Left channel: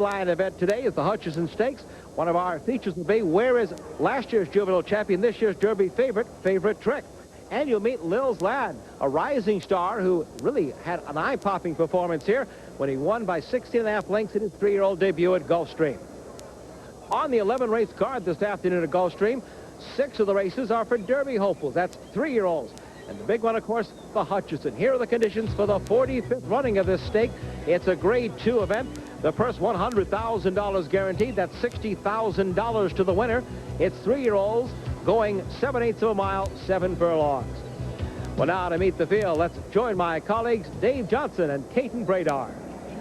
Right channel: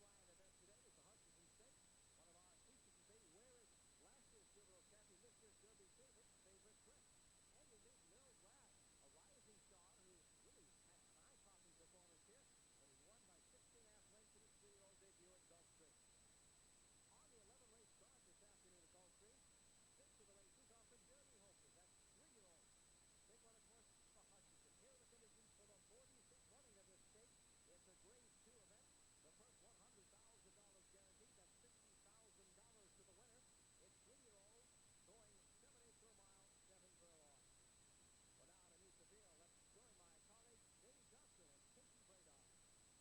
headline event today is the Hutcheson Stakes. One of our features will be, where is last year's juvenile champion, this year's Derby favorite Trick? And you'll meet Lil's Lad, a rising star who really had an eye-popping performance here when he won by 16.5 lengths in his 3-year-old debut at Gulfstream. On the 11-race card this afternoon at Gulfstream, 6 of the races are for Derby hopefuls. That's 3-year-olds. And the big one, of course, the Hutcheson. Here are the conditions for the 45th running of this stake. It's a Grade 2 event. The purse, $100,000 guaranteed. That's $60,000 to the winner. It's 3-year-olds going 7/8 of a mile, 7 furlongs. Well, now to meet the field, let's join my colleagues Dave Johnson and Caton Bradar.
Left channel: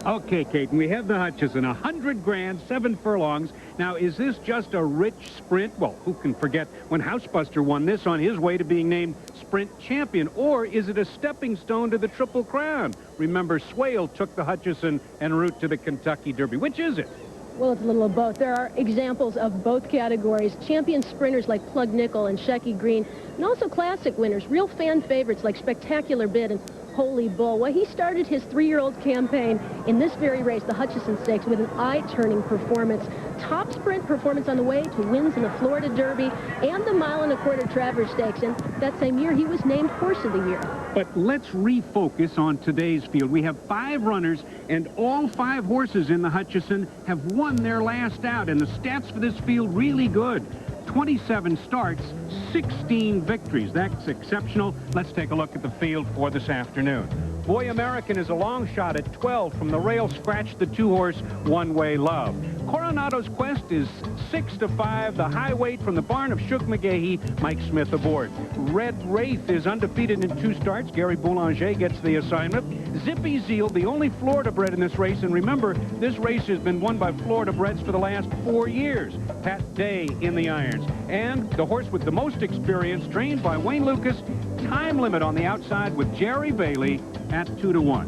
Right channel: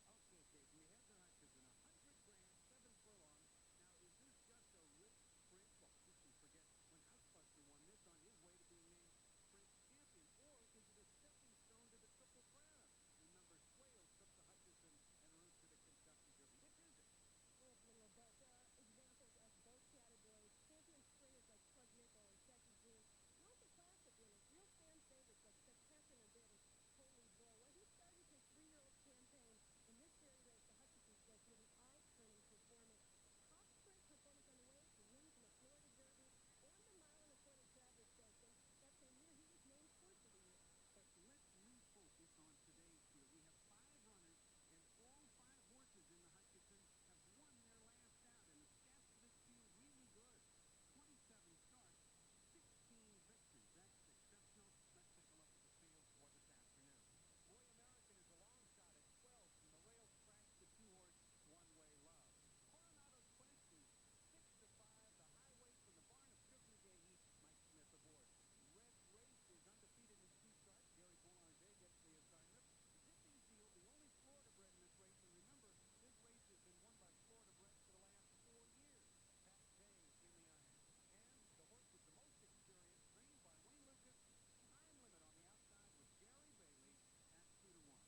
Okay, Caton, we have the Hutcheson, 100 grand, 7 furlongs. Now, is this just a rich sprint? Well, who can forget when Housebuster won this on his way to being named Sprint Champion? Or is it a stepping stone to the Triple Crown? Remember, Swale took the Hutcheson en route to the Kentucky Derby. Which is it? Well, it's a little of both. There are examples of both categories. Champion sprinters like Plug Nickel and Shecky Green, and also classic winners, real fan favorites like Spectacular Bid and Holy Bull. Well, he started his 3-year-old campaign in this very race, the Hutcheson Stakes, with an eye-turning performance. Top sprint performance on the way to wins in the Florida Derby and the 1 1/4 Travers Stakes. And that same year, he was named Horse of the Year. But let's refocus on today's field. We have 5 runners, and all 5 horses in the Hutcheson have won their last out. And the stats for this field really good. 27 starts, 16 victories. That's exceptional. Let's take a look at the field for this afternoon. Boy American is a long shot at 12 from the rail scratch, the 2-horse One Way Love. Coronado's Quest is 6-5. The high weight from the barn of Shook McGahee, Mike Smith aboard. Red Wraith is undefeated in 2 starts. Gary Boulanger gets the assignment. Zippy Zeal, the only Florida bred in this race. And remember, this race has been won by Florida breds for the last 4 years. Pat Day in the irons. And the horse with the most experience, trained by Wayne Lucas, Time Limit on the outside with Jerry Bailey at 2-1.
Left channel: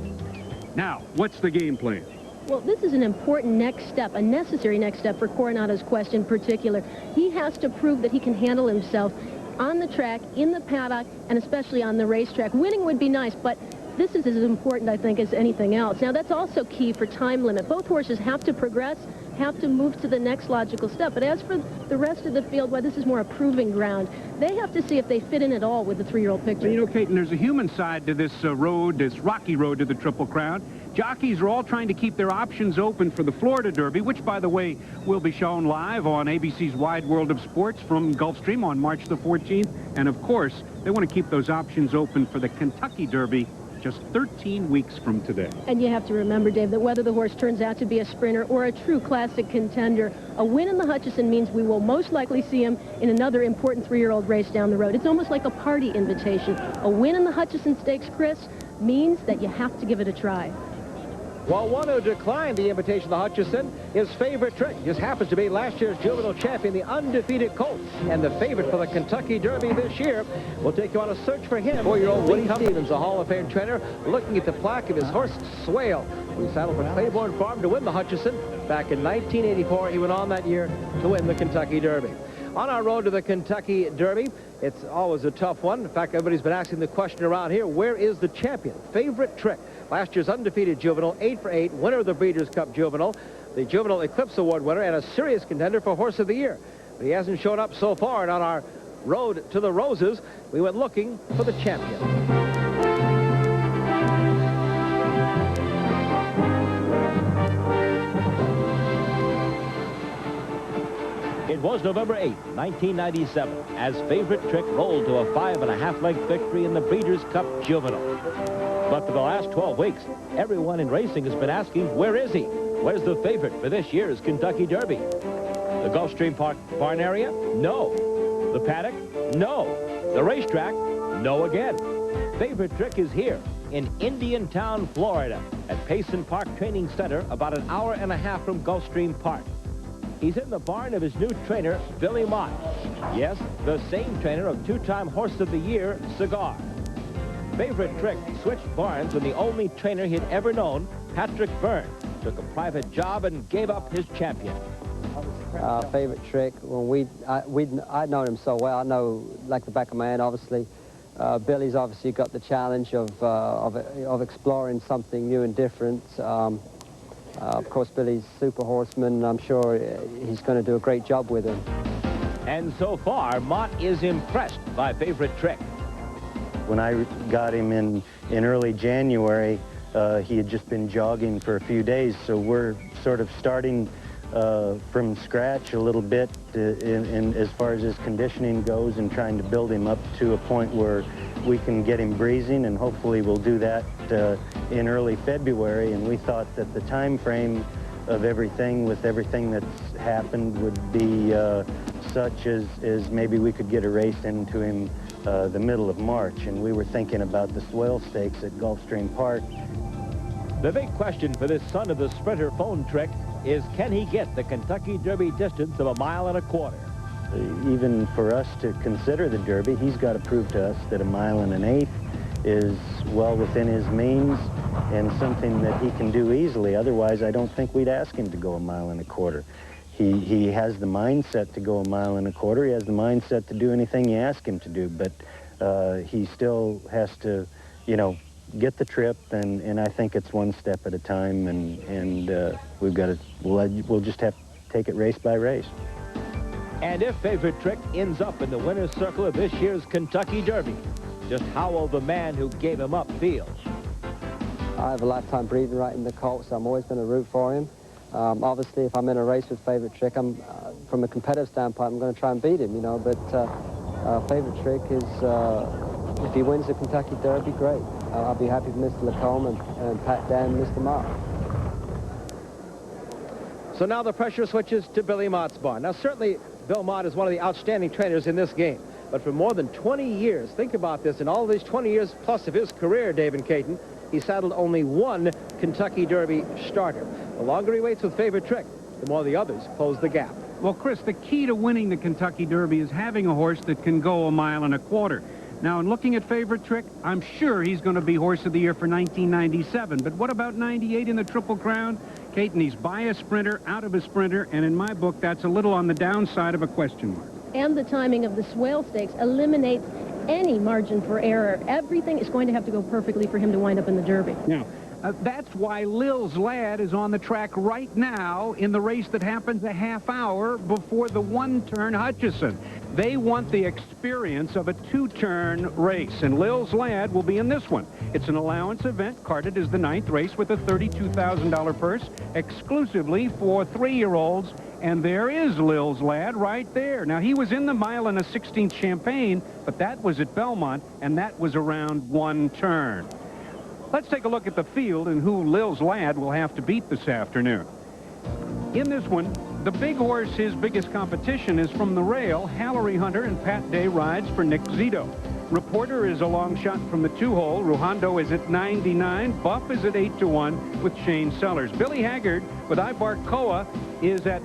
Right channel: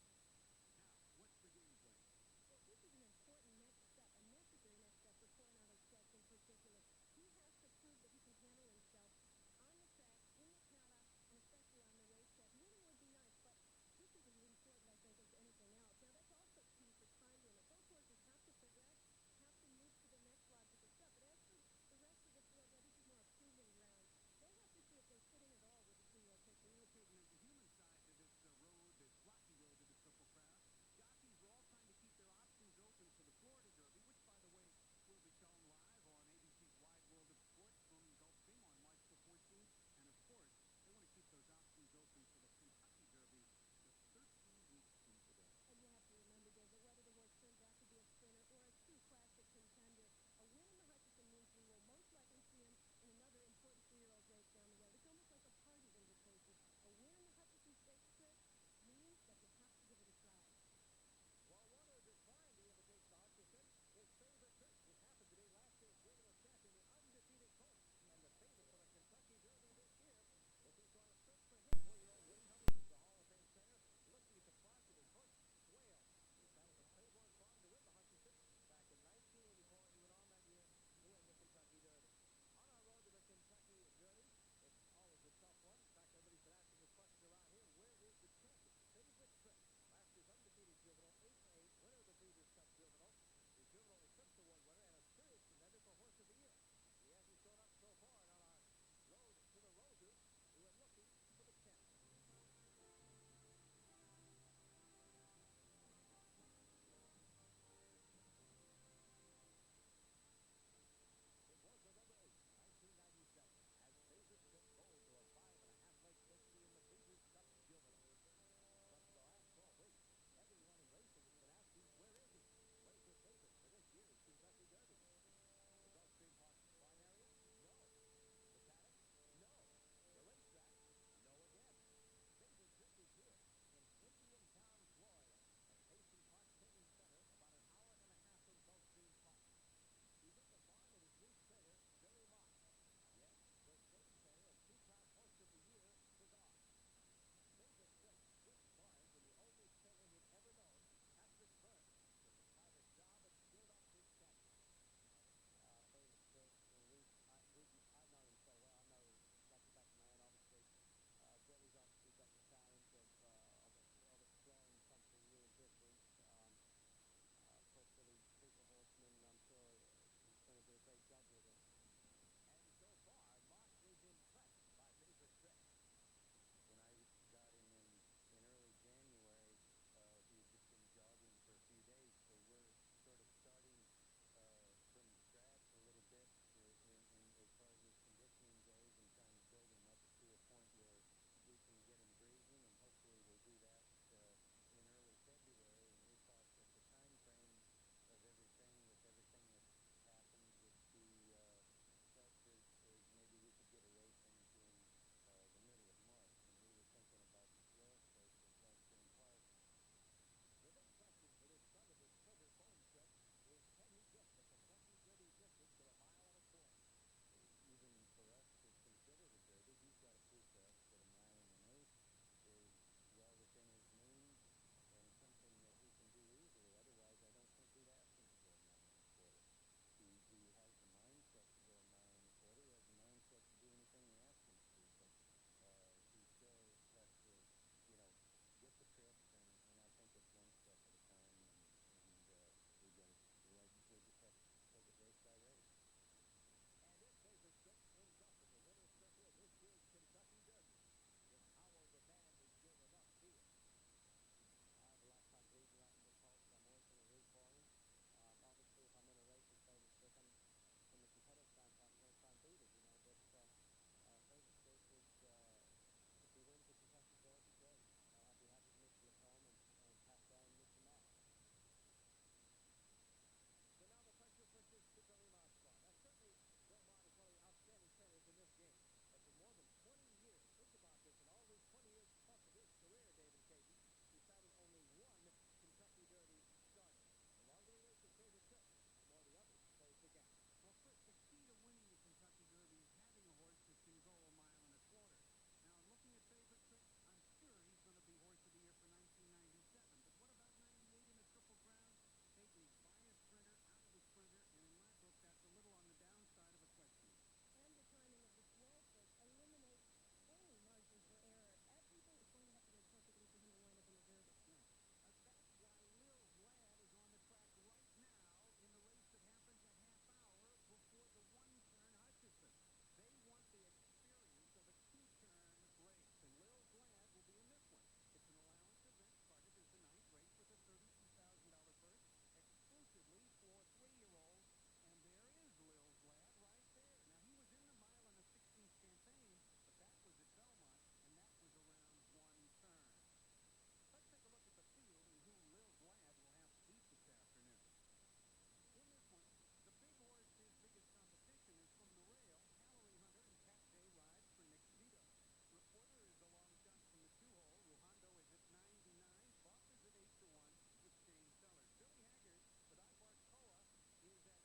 Now, what's the game plan? Well, this is an important next step, a necessary next step for Coronado's Quest in particular. He has to prove that he can handle himself on the track, in the paddock, and especially on the racetrack. Winning would be nice, but this is as important, I think, as anything else. Now, that's also key for Time Limit. Both horses have to progress, have to move to the next logical step. But as for the rest of the field, well, this is more a proving ground. They have to see if they fit in at all with the 3-year-old picture. You know, Caton, there's a human side to this road, this rocky road to the Triple Crown. Jockeys are all trying to keep their options open for the Florida Derby, which, by the way, will be shown live on ABC's Wide World of Sports from Gulfstream on March the 14th. And, of course, they want to keep those options open for the Kentucky Derby just 13 weeks from today. And you have to remember, Dave, that whether the horse turns out to be a sprinter or a true classic contender, a win in the Hutcheson means we will most likely see him in another important 3-year-old race down the road. It's almost like a party invitation. A win in the Hutcheson Stakes, Chris, means that you have to give it a try. Well, one who declined the invitation to the Hutcheson, his favorite Trick, just happens to be last year's juvenile champion, the undefeated Colt, and the favorite for the Kentucky Derby this year. We'll take you on a search for him. 4-year-old Woody Stevens, a Hall of Fame trainer, looking at the plaque of his horse, Swale. He saddled for Claiborne Farm to win the Hutcheson. Back in 1984, he went on that year to win the Kentucky Derby. On our road to the Kentucky Derby, it's always a tough one. In fact, everybody's been asking the question around here, where is the champion? Favorite Trick. Last year's undefeated juvenile, 8 for 8, winner of the Breeders' Cup Juvenile, the Juvenile Eclipse Award winner, and a serious contender for Horse of the Year. But he hasn't shown up so far, and on our road to the Roses, we went looking for the champion. It was November 8, 1997, as Favorite Trick rolled to a 5.5-length victory in the Breeders' Cup Juvenile. But for the last 12 weeks, everyone in racing has been asking, where is he? Where's the favorite for this year's Kentucky Derby? The Gulfstream Park barn area? No. The paddock? No. The racetrack? No again. Favorite Trick is here in Indiantown, Florida, at Payson Park Training Center, about an hour and a half from Gulfstream Park. He's in the barn of his new trainer, Billy Mott. Yes, the same trainer of 2-time Horse of the Year, Cigar. Favorite Trick switched barns when the only trainer he'd ever known, Patrick Byrne, took a private job and gave up his champion. Favorite Trick, when I'd known him so well, I know like the back of my hand, obviously. Billy's obviously got the challenge of exploring something new and different. Of course, Billy's super horseman, and I'm sure he's going to do a great job with him. And so far, Mott is impressed by Favorite Trick. When I got him in early January, he had just been jogging for a few days, so we're sort of starting from scratch a little bit in as far as his conditioning goes, and trying to build him up to a point where we can get him breezing, and hopefully we'll do that in early February. And we thought that the time frame of everything, with everything that's happened, would be such as maybe we could get a race into him the middle of March. And we were thinking about the Swale Stakes at Gulfstream Park. The big question for this son of the sprinter phone trick is, can he get the Kentucky Derby distance of 1.25 miles? Even for us to consider the Derby, he's got to prove to us that 1.125 miles is well within his means and something that he can do easily. Otherwise, I don't think we'd ask him to go 1.25 miles. He has the mindset to go 1.25 miles. He has the mindset to do anything you ask him to do, but he still has to, you know, get the trip, and I think it's one step at a time, and we've got to, we'll just have to take it race by race. And if Favorite Trick ends up in the winner's circle of this year's Kentucky Derby, just how will the man who gave him up feel? I have a lifetime breeding right in the colt, so I'm always going to root for him. Obviously, if I'm in a race with Favorite Trick, from a competitive standpoint, I'm going to try and beat him, you know, but Favorite Trick is, if he wins the Kentucky Derby, great. I'll be happy for Mr. Lacombe and Pat Dan and Mr. Mott. So now the pressure switches to Billy Mott's barn. Now, certainly, Bill Mott is one of the outstanding trainers in this game. But for more than 20 years, think about this, in all these 20 years plus of his career, Dave and Caton, he saddled only one Kentucky Derby starter. The longer he waits with Favorite Trick, the more the others close the gap. Well, Chris, the key to winning the Kentucky Derby is having a horse that can go 1.25 miles. Now, in looking at Favorite Trick, I'm sure he's going to be Horse of the Year for 1997. But what about 98 in the Triple Crown? Caton, he's by a sprinter, out of a sprinter, and in my book, that's a little on the downside of a question mark. And the timing of the Swale Stakes eliminates any margin for error. Everything is going to have to go perfectly for him to wind up in the Derby. Now, that's why Lil's Lad is on the track right now in the race that happens a half hour before the one-turn Hutcheson. They want the experience of a two-turn race, and Lil's Lad will be in this one. It's an allowance event, carded as the 9th race with a $32,000 purse, exclusively for 3-year-olds, and there is Lil's Lad right there. Now, he was in the 1 1/16 Champagne, but that was at Belmont, and that was around one turn. Let's take a look at the field and who Lil's Lad will have to beat this afternoon. In this one, the big horse, his biggest competition, is from the rail. Hallery Hunter and Pat Day rides for Nick Zito. Reporter is a long shot from the 2-hole. Ruhando is at 99. Buff is at 8-1 with Shane Sellers. Billy Haggard with Ibarcoa is at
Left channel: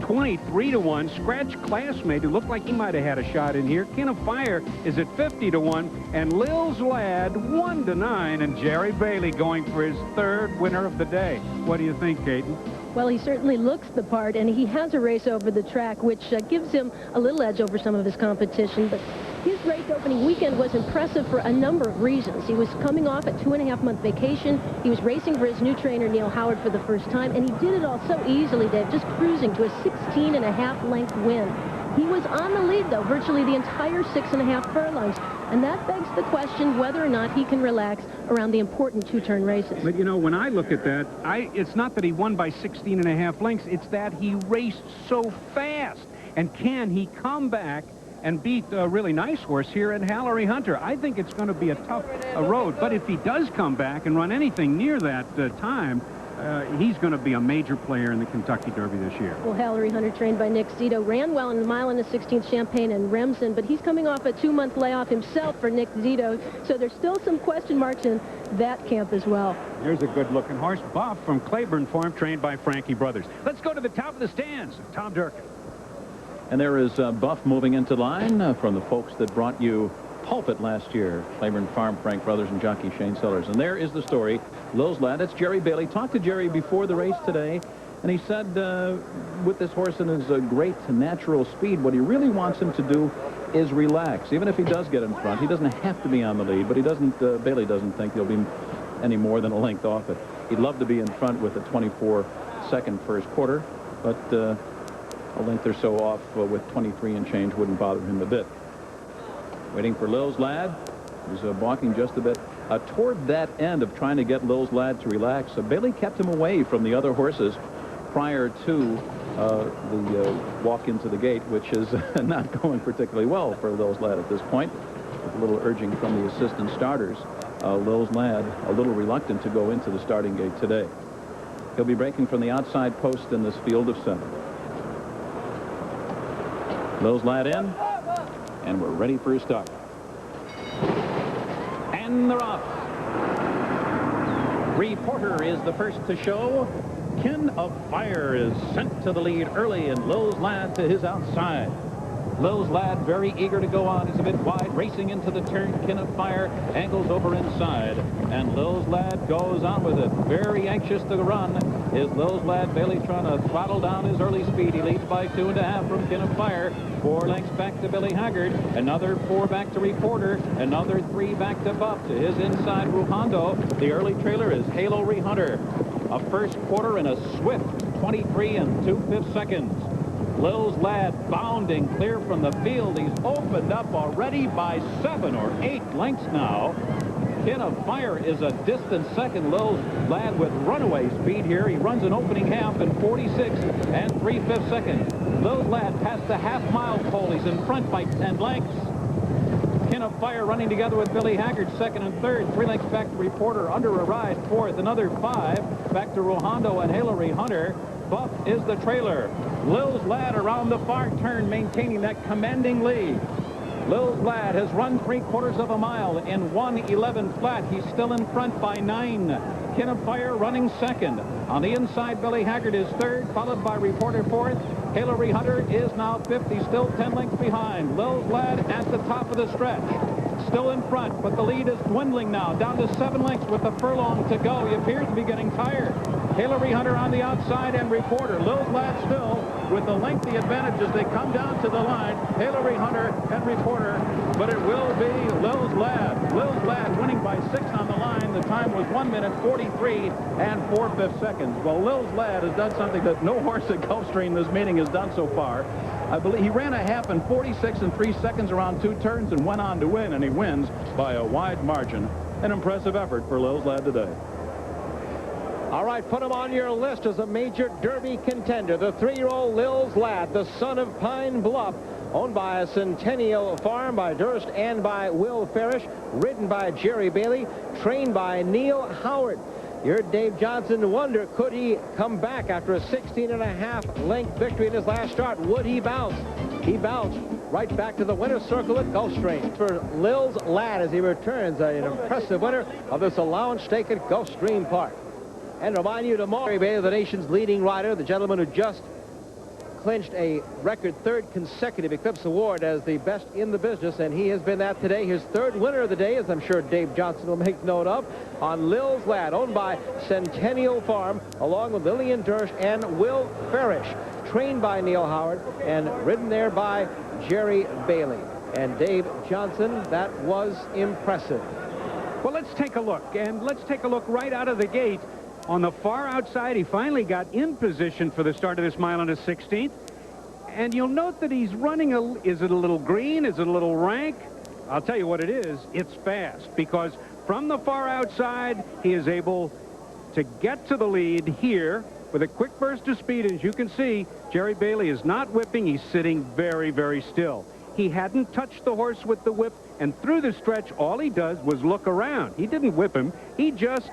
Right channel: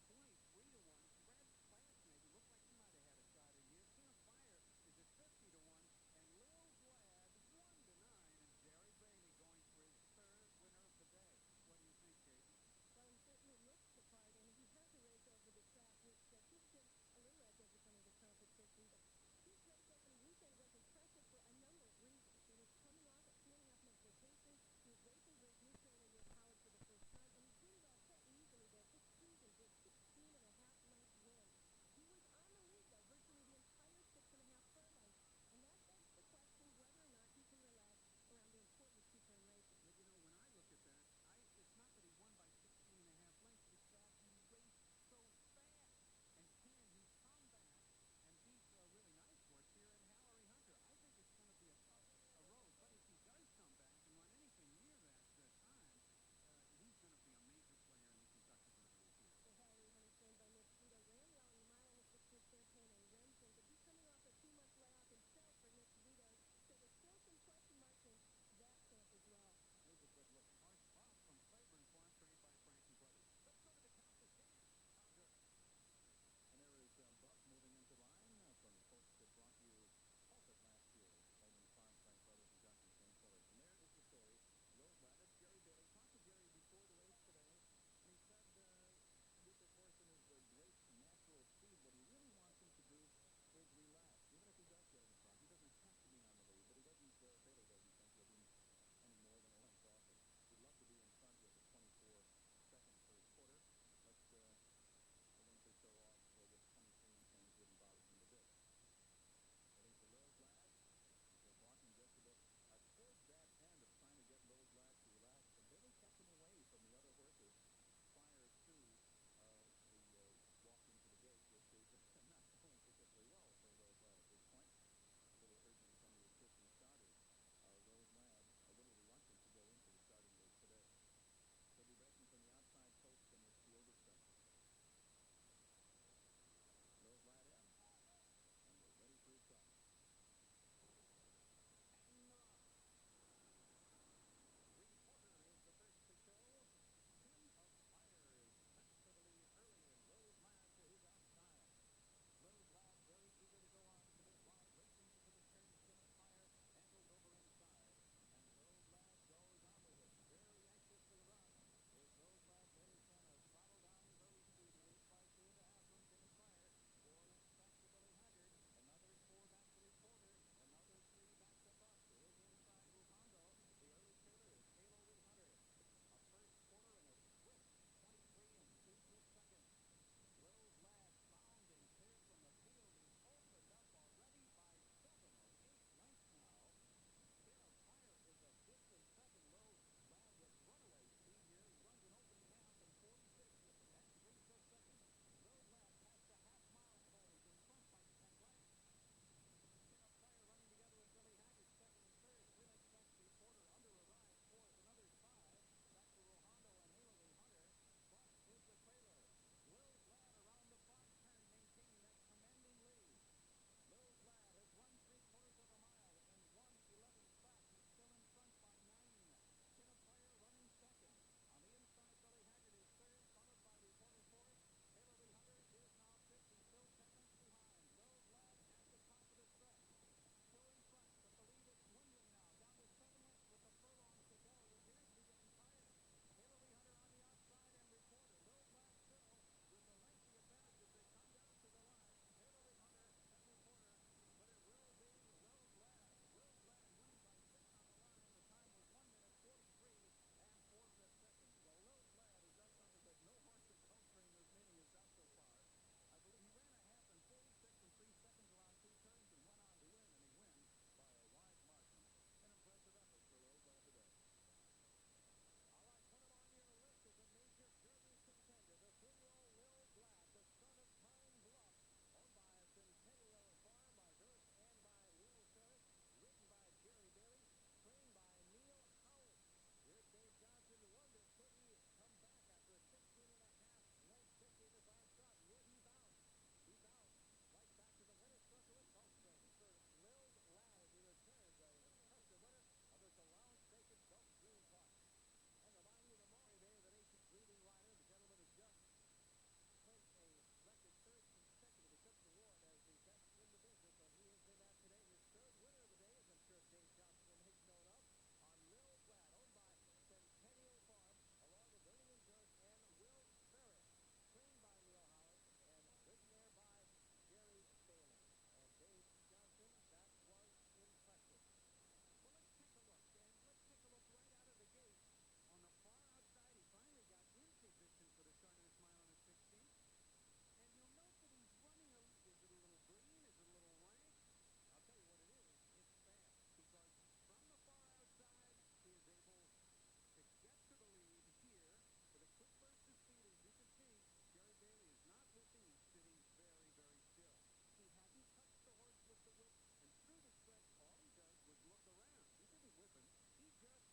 23-1. Scratch Classmate, who looked like he might have had a shot in here. Kin of Fire is at 50-1. And Lil's Lad 1-9. And Jerry Bailey going for his 3rd winner of the day. What do you think, Caton? Well, he certainly looks the part, and he has a race over the track, which gives him a little edge over some of his competition. But his race opening weekend was impressive for a number of reasons. He was coming off a 2.5-month vacation. He was racing for his new trainer, Neil Howard, for the first time, and he did it all so easily, Dave, just cruising to a 16.5-length win. He was on the lead, though, virtually the entire 6.5 furlongs. And that begs the question whether or not he can relax around the important two-turn races. But, you know, when I look at that, it's not that he won by 16.5 lengths. It's that he raced so fast. And can he come back and beat a really nice horse here at Hallery Hunter? I think it's going to be a tough road. But if he does come back and run anything near that time, he's going to be a major player in the Kentucky Derby this year. Well, Hallery Hunter, trained by Nick Zito, ran well in the 1 1/16 Champagne and Remsen, but he's coming off a 2-month layoff himself for Nick Zito, so there's still some question marks in that camp as well. Here's a good-looking horse, Buff, from Claiborne Farm, trained by Frankie Brothers. Let's go to the top of the stands. Tom Durkin. And there is Buff moving into line from the folks that brought you Pulpit last year. Claiborne Farm, Frank Brothers, and jockey Shane Sellers. And there is the story. Lil's Lad, that's Jerry Bailey. Talked to Jerry before the race today, and he said with this horse and his great natural speed, what he really wants him to do is relax. Even if he does get in front, he doesn't have to be on the lead, but he doesn't, Bailey doesn't think he'll be any more than a length off it. He'd love to be in front with a 24-second first quarter, but a length or so off with 23 and change wouldn't bother him a bit. Waiting for Lil's Lad. He's balking just a bit. Toward that end of trying to get Lil's Lad to relax, Bailey kept him away from the other horses prior to the walk into the gate, which is not going particularly well for Lil's Lad at this point. With a little urging from the assistant starters, Lil's Lad a little reluctant to go into the starting gate today. He'll be breaking from the outside post in this field of 7. Lil's Lad in, and we're ready for a start. And they're off. Reporter is the first to show. Kin of Fire is sent to the lead early, and Lil's Lad to his outside. Lil's Lad very eager to go on. He's a bit wide, racing into the turn. Kin of Fire angles over inside, and Lil's Lad goes on with it. Very anxious to run is Lil's Lad. Bailey trying to throttle down his early speed. He leads by 2.5 from Kin of Fire. 4 lengths back to Billy Haggard. Another 4 back to Reporter. Another 3 back to Buff. To his inside, Ruhando. The early trailer is Halo Hunter. A first quarter in a swift 23 2/5 seconds. Lil's Lad bounding clear from the field. He's opened up already by 7 or 8 lengths now. Kin of Fire is a distant second. Lil's Lad with runaway speed here. He runs an opening half in 46 3/5 seconds. Lil's Lad past the half-mile pole. He's in front by 10 lengths. Kin of Fire running together with Billy Haggard, second and third. 3 lengths back to Reporter, under a ride, fourth. Another 5 back to Ruhando and Hillary Hunter. Buff is the trailer. Lil's Lad around the far turn, maintaining that commanding lead. Lil's Lad has run 3/4 of a mile in 1:11 flat. He's still in front by 9. Kin of Fire running second. On the inside, Billy Haggard is third, followed by Reporter fourth. Hillary Hunter is now 50, still 10 lengths behind. Lil's Lad at the top of the stretch. Still in front, but the lead is dwindling now, down to 7 lengths with a furlong to go. He appears to be getting tired. Hillary Hunter on the outside and Reporter. Lil's Lad still with the lengthy advantage as they come down to the line. Hillary Hunter and Reporter, but it will be Lil's Lad. Lil's Lad winning by 6 on the line. The time was 1 minute 43 4/5 seconds. Well, Lil's Lad has done something that no horse at Gulfstream this meeting has done so far. I believe he ran a half in 46 3 seconds around 2 turns and went on to win, and he wins by a wide margin. An impressive effort for Lil's Lad today. All right, put him on your list as a major Derby contender. The 3-year-old Lil's Lad, the son of Pine Bluff, owned by a Centennial Farm, by Durst and by Will Farish, ridden by Jerry Bailey, trained by Neil Howard. Your Dave Johnson wonder, could he come back after a 16.5 length victory in his last start? Would he bounce? He bounced right back to the winner's circle at Gulfstream. For Lil's Lad as he returns, an impressive winner of this allowance stake at Gulfstream Park. And remind you, tomorrow, Jerry Bailey, the nation's leading rider, the gentleman who just clinched a record 3rd consecutive Eclipse Award as the best in the business, and he has been that today. His 3rd winner of the day, as I'm sure Dave Johnson will make note of, on Lil's Lad, owned by Centennial Farm, along with Lillian Durst and Will Farish, trained by Neil Howard and ridden there by Jerry Bailey. And Dave Johnson, that was impressive. Well, let's take a look, and let's take a look right out of the gate. On the far outside, he finally got in position for the start of this mile and a 16th. And you'll note that he's running is it a little green? Is it a little rank? I'll tell you what it is. It's fast, because from the far outside, he is able to get to the lead here with a quick burst of speed. As you can see, Jerry Bailey is not whipping. He's sitting very, very still. He hadn't touched the horse with the whip, and through the stretch, all he does was look around. He didn't whip him. He just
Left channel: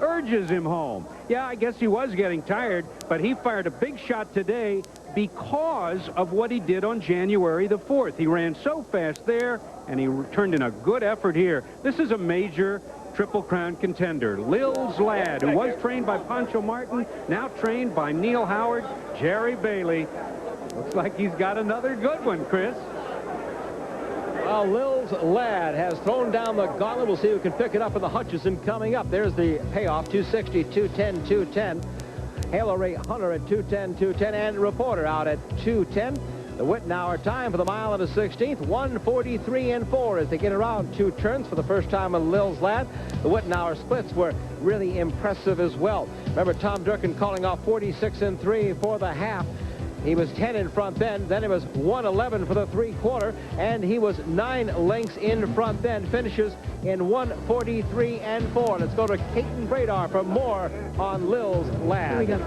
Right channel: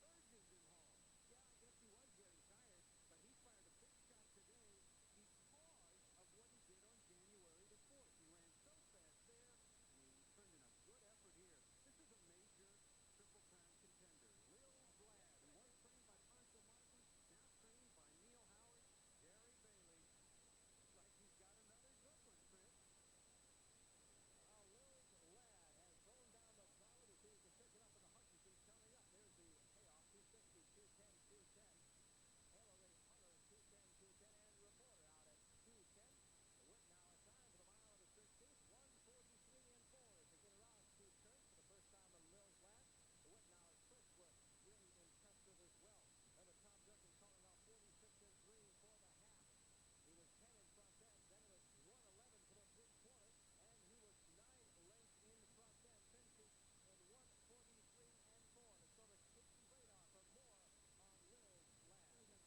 urges him home. Yeah, I guess he was getting tired, but he fired a big shot today because of what he did on January the 4th. He ran so fast there, and he turned in a good effort here. This is a major Triple Crown contender. Lil's Lad, who was trained by Pancho Martin, now trained by Neil Howard. Jerry Bailey. Looks like he's got another good one, Chris. Well, Lil's Lad has thrown down the gauntlet. We'll see who can pick it up in the Hutcheson coming up. There's the payoff, 260, 210, 210. Hillary Hunter at 210, 210, and Reporter out at 210. The Wittenauer time for the mile and a 16th, 1:43.4 as they get around 2 turns for the first time on Lil's Lad. The Wittenauer splits were really impressive as well. Remember Tom Durkin calling off 46.3 for the half. He was 10 in front then it was 1:11 for the 3/4, and he was 9 lengths in front then. Finishes in 1:43.4. Let's go to Caton Bradar for more on Lil's Lad. Here we go.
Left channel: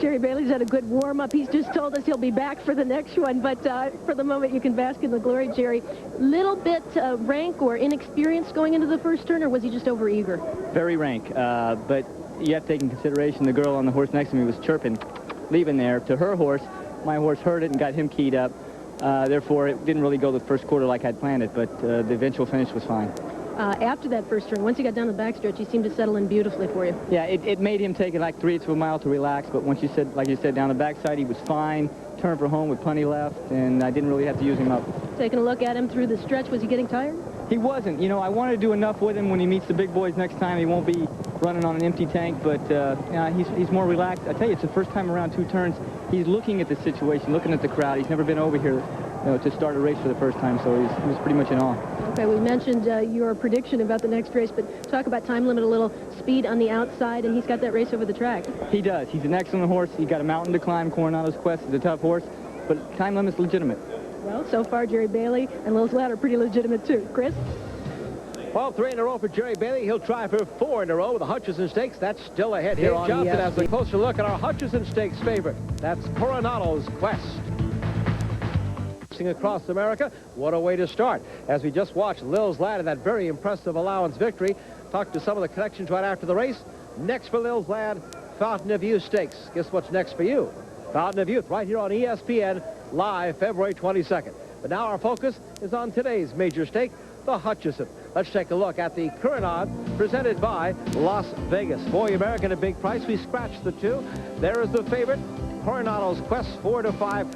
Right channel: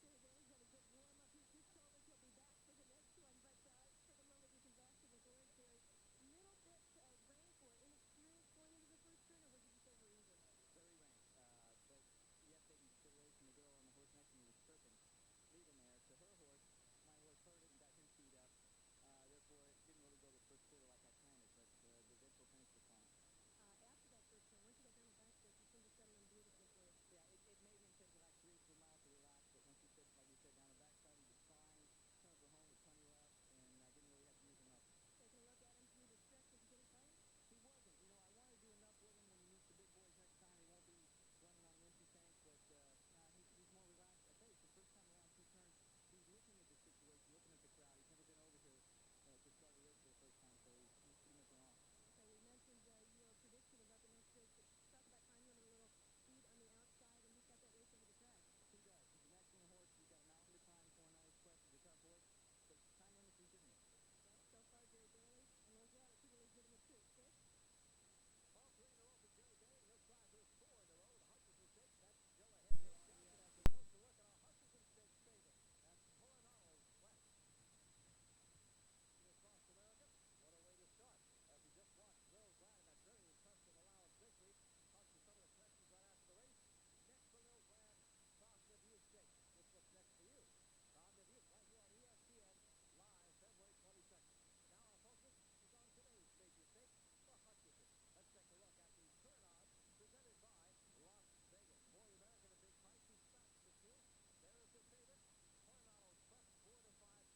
Jerry Bailey's had a good warm-up. He's just told us he'll be back for the next one, but for the moment you can bask in the glory, Jerry. Little bit rank or inexperience going into the first turn, or was he just over-eager? Very rank, but you have to take in consideration the girl on the horse next to me was chirping, leaving there to her horse. My horse heard it and got him keyed up. Therefore, it didn't really go the first quarter like I'd planned it, but the eventual finish was fine. After that first turn, once he got down the backstretch, he seemed to settle in beautifully for you. Yeah, it made him take it like 3/8 of a mile to relax, but once you said, like you said, down the backside, he was fine. Turned for home with plenty left, and I didn't really have to use him up. Taking a look at him through the stretch, was he getting tired? He wasn't. You know, I wanted to do enough with him when he meets the big boys next time. He won't be running on an empty tank, but he's more relaxed. I tell you, it's the first time around 2 turns. He's looking at the situation, looking at the crowd. He's never been over here to start a race for the first time, so he was pretty much in awe. Okay, we mentioned your prediction about the next race, but talk about time limit a little, speed on the outside, and he's got that race over the track. He does. He's an excellent horse. He's got a mountain to climb. Coronado's Quest is a tough horse, but time limit's legitimate. Well, so far, Jerry Bailey and Lil's Lad are pretty legitimate, too. Chris? Well, 3 in a row for Jerry Bailey. He'll try for 4 in a row with the Hutcheson Stakes. That's still ahead. Dave Johnson has a closer look at our Hutcheson Stakes favorite. That's Coronado's Quest. Across America, what a way to start. As we just watched Lil's Lad in that very impressive allowance victory. Talked to some of the connections right after the race. Next for Lil's Lad, Fountain of Youth Stakes. Guess what's next for you? Fountain of Youth right here on ESPN, live February 22nd. But now our focus is on today's major stake, the Hutcheson. Let's take a look at the Coronado presented by Las Vegas. For the American at big price, we scratched the 2. There is the favorite, Coronado's Quest, 4-5.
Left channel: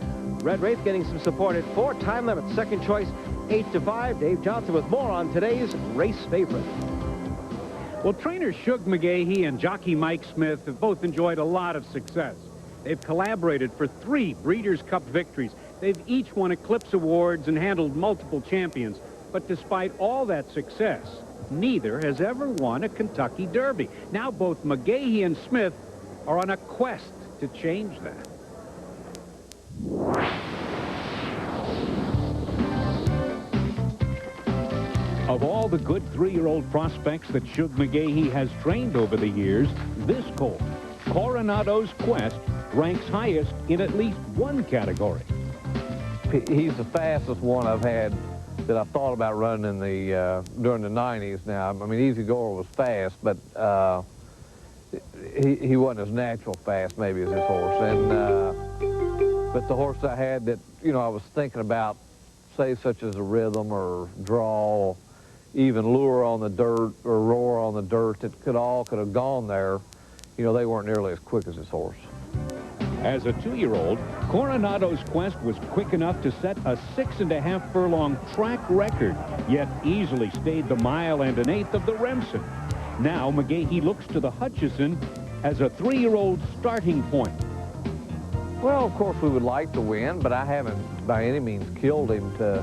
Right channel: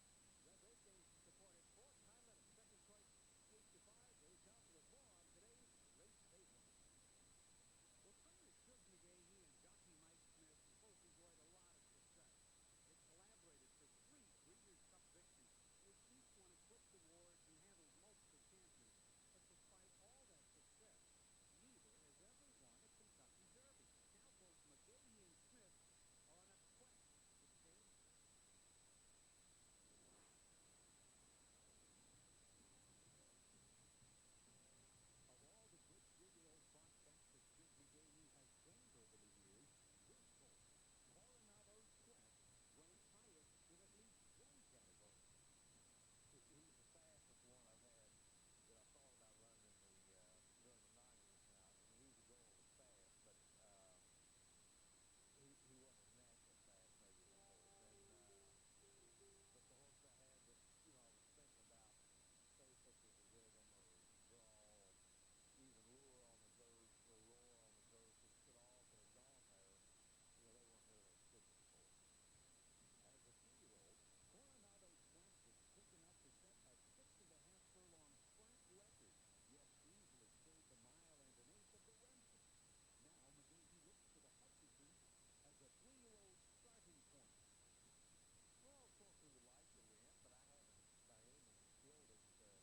Red Wraith getting some support at 4. Time limit, second choice, 8-5. Dave Johnson with more on today's race favorite. Well, trainer Shug McGahee and jockey Mike Smith have both enjoyed a lot of success. They've collaborated for 3 Breeders' Cup victories. They've each won Eclipse Awards and handled multiple champions. But despite all that success, neither has ever won a Kentucky Derby. Now both McGahee and Smith are on a quest to change that. Of all the good 3-year-old prospects that Shug McGahee has trained over the years, this colt, Coronado's Quest, ranks highest in at least one category. He's the fastest one I've had that I thought about running in the during the 90s. Now, I mean, Easy Goer was fast, but he wasn't as natural fast maybe as this horse. And but the horse I had that, you know, I was thinking about, say, such as a Rhythm or Draw, even Lure on the dirt or Roar on the dirt, that could have gone there. You know, they weren't nearly as quick as this horse. As a 2-year-old, Coronado's Quest was quick enough to set a 6.5 furlong track record, yet easily stayed the 1 1/8 of the Remsen. Now McGahee looks to the Hutcheson as a 3-year-old starting point. Well, of course, we would like to win, but I haven't by any means killed him to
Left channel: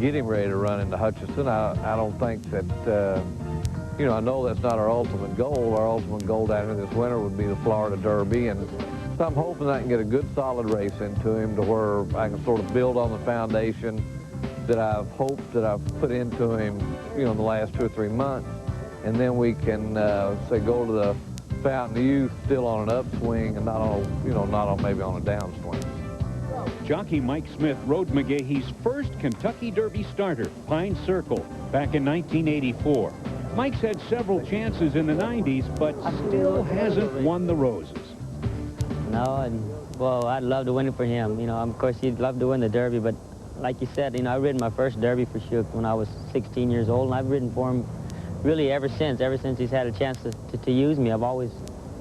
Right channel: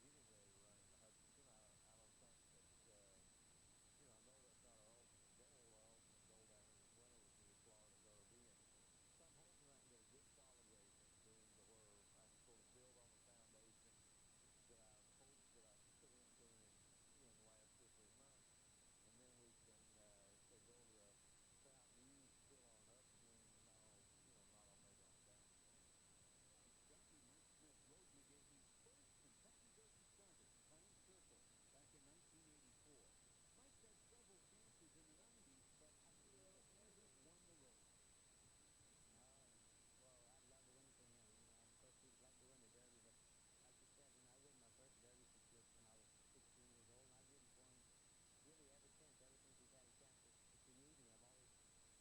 get him ready to run into Hutcheson. I don't think that, you know, I know that's not our ultimate goal. Our ultimate goal down here this winter would be the Florida Derby, and so I'm hoping I can get a good solid race into him to where I can sort of build on the foundation that I've hoped that I've put into him, you know, in the last 2 or 3 months, and then we can, say, go to the Fountain of Youth still on an upswing and not on, you know, maybe on a downswing. Jockey Mike Smith rode McGahee's first Kentucky Derby starter, Pine Circle, back in 1984. Mike's had several chances in the 90s, but still hasn't won the Roses. No, and well, I'd love to win it for him. You know, of course, he'd love to win the Derby, but like you said, you know, I ridden my first Derby for Shug when I was 16 years old, and I've ridden for him really ever since he's had a chance to use me.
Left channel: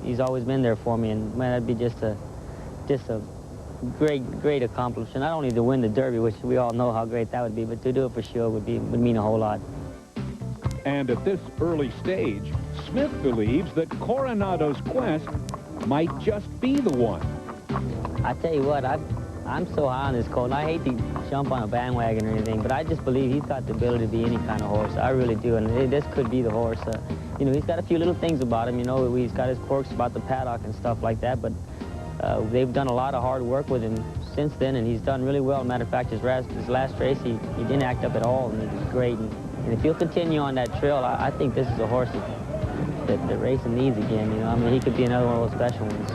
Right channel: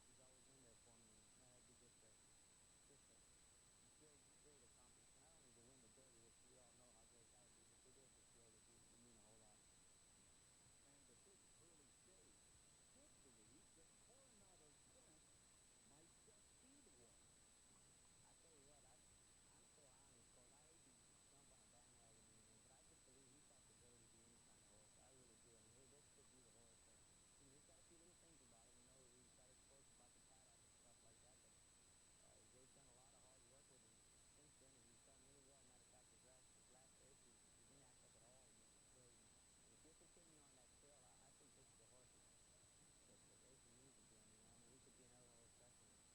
He's always been there for me, and man, that'd be just a great accomplishment. Not only to win the Derby, which we all know how great that would be, but to do it for Shug would mean a whole lot. And at this early stage, Smith believes that Coronado's Quest might just be the one. I tell you what, I'm so high on this colt. I hate to jump on a bandwagon or anything, but I just believe he's got the ability to be any kind of horse. I really do, and this could be the horse. You know, he's got a few little things about him. You know, he's got his quirks about the paddock and stuff like that, but they've done a lot of hard work with him since then, and he's done really well. Matter of fact, his last race, he didn't act up at all, and he was great. And if he'll continue on that trail, I think this is a horse that the racing needs again. You know, I mean, he could be another one of those special ones.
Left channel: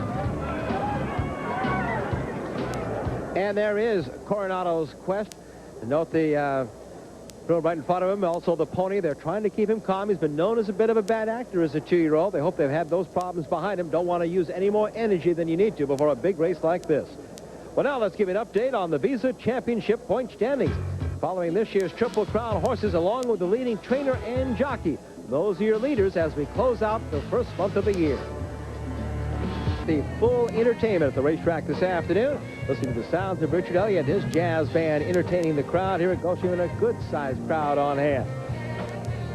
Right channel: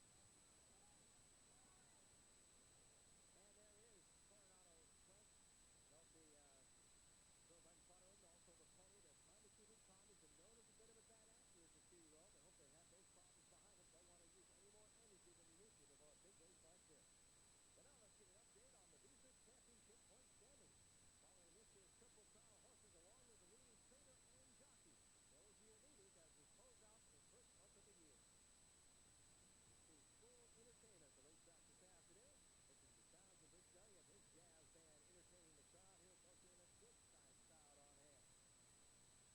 And there is Coronado's Quest. Note the field right in front of him, also the pony. They're trying to keep him calm. He's been known as a bit of a bad actor as a 2-year-old. They hope they've had those problems behind him. Don't want to use any more energy than you need to before a big race like this. Well, now let's give you an update on the Visa Championship point standings. Following this year's Triple Crown horses, along with the leading trainer and jockey. Those are your leaders as we close out the first month of the year. The full entertainment at the racetrack this afternoon. Listening to the sounds of Richard Elliott, his jazz band entertaining the crowd here at Gulfstream, and a good-sized crowd on hand.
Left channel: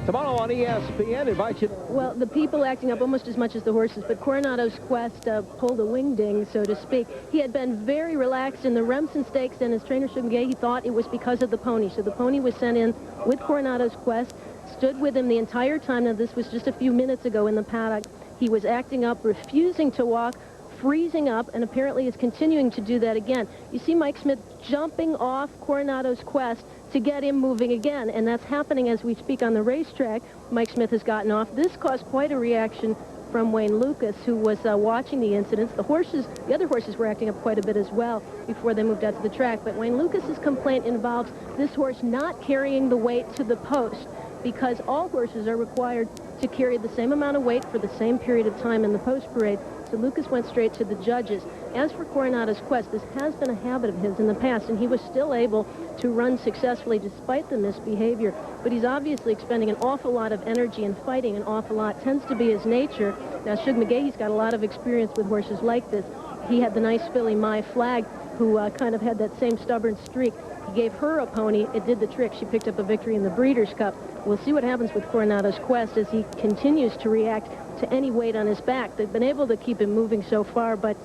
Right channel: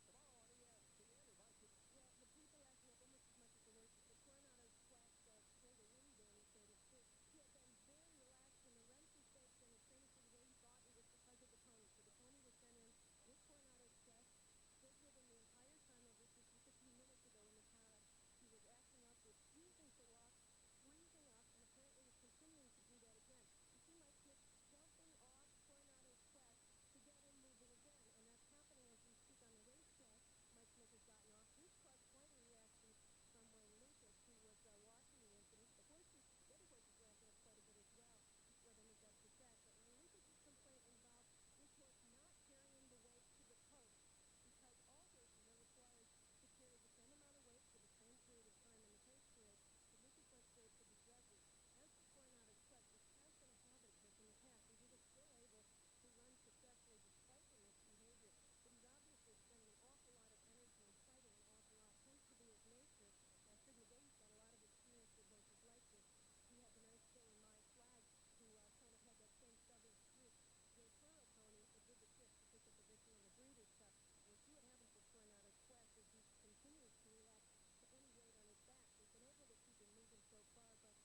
Tomorrow on ESPN, invite you. Well, the people acting up almost as much as the horses, but Coronado's Quest pulled a wing-ding, so to speak. He had been very relaxed in the Hutcheson Stakes, and his trainer, he thought it was because of the pony. So the pony was sent in with Coronado's Quest, stood with him the entire time. Now, this was just a few minutes ago in the paddock. He was acting up, refusing to walk, freezing up, and apparently is continuing to do that again. You see Mike Smith jumping off Coronado's Quest to get him moving again, and that's happening as we speak on the racetrack. Mike Smith has gotten off. This caused quite a reaction from Wayne Lucas, who was watching the incidents. The other horses were acting up quite a bit as well before they moved out to the track, but Wayne Lucas's complaint involves this horse not carrying the weight to the post, because all horses are required to carry the same amount of weight for the same period of time in the post parade. So Lucas went straight to the judges. As for Coronado's Quest, this has been a habit of his in the past, and he was still able to run successfully despite the misbehavior. But he's obviously expending an awful lot of energy and fighting an awful lot. Tends to be his nature. Now, Shug McGahee's got a lot of experience with horses like this. He had the nice filly, My Flag, who kind of had that same stubborn streak. He gave her a pony. It did the trick. She picked up a victory in the Breeders' Cup. We'll see what happens with Coronado's Quest as he continues to react to any weight on his back. They've been able to keep him moving so far, but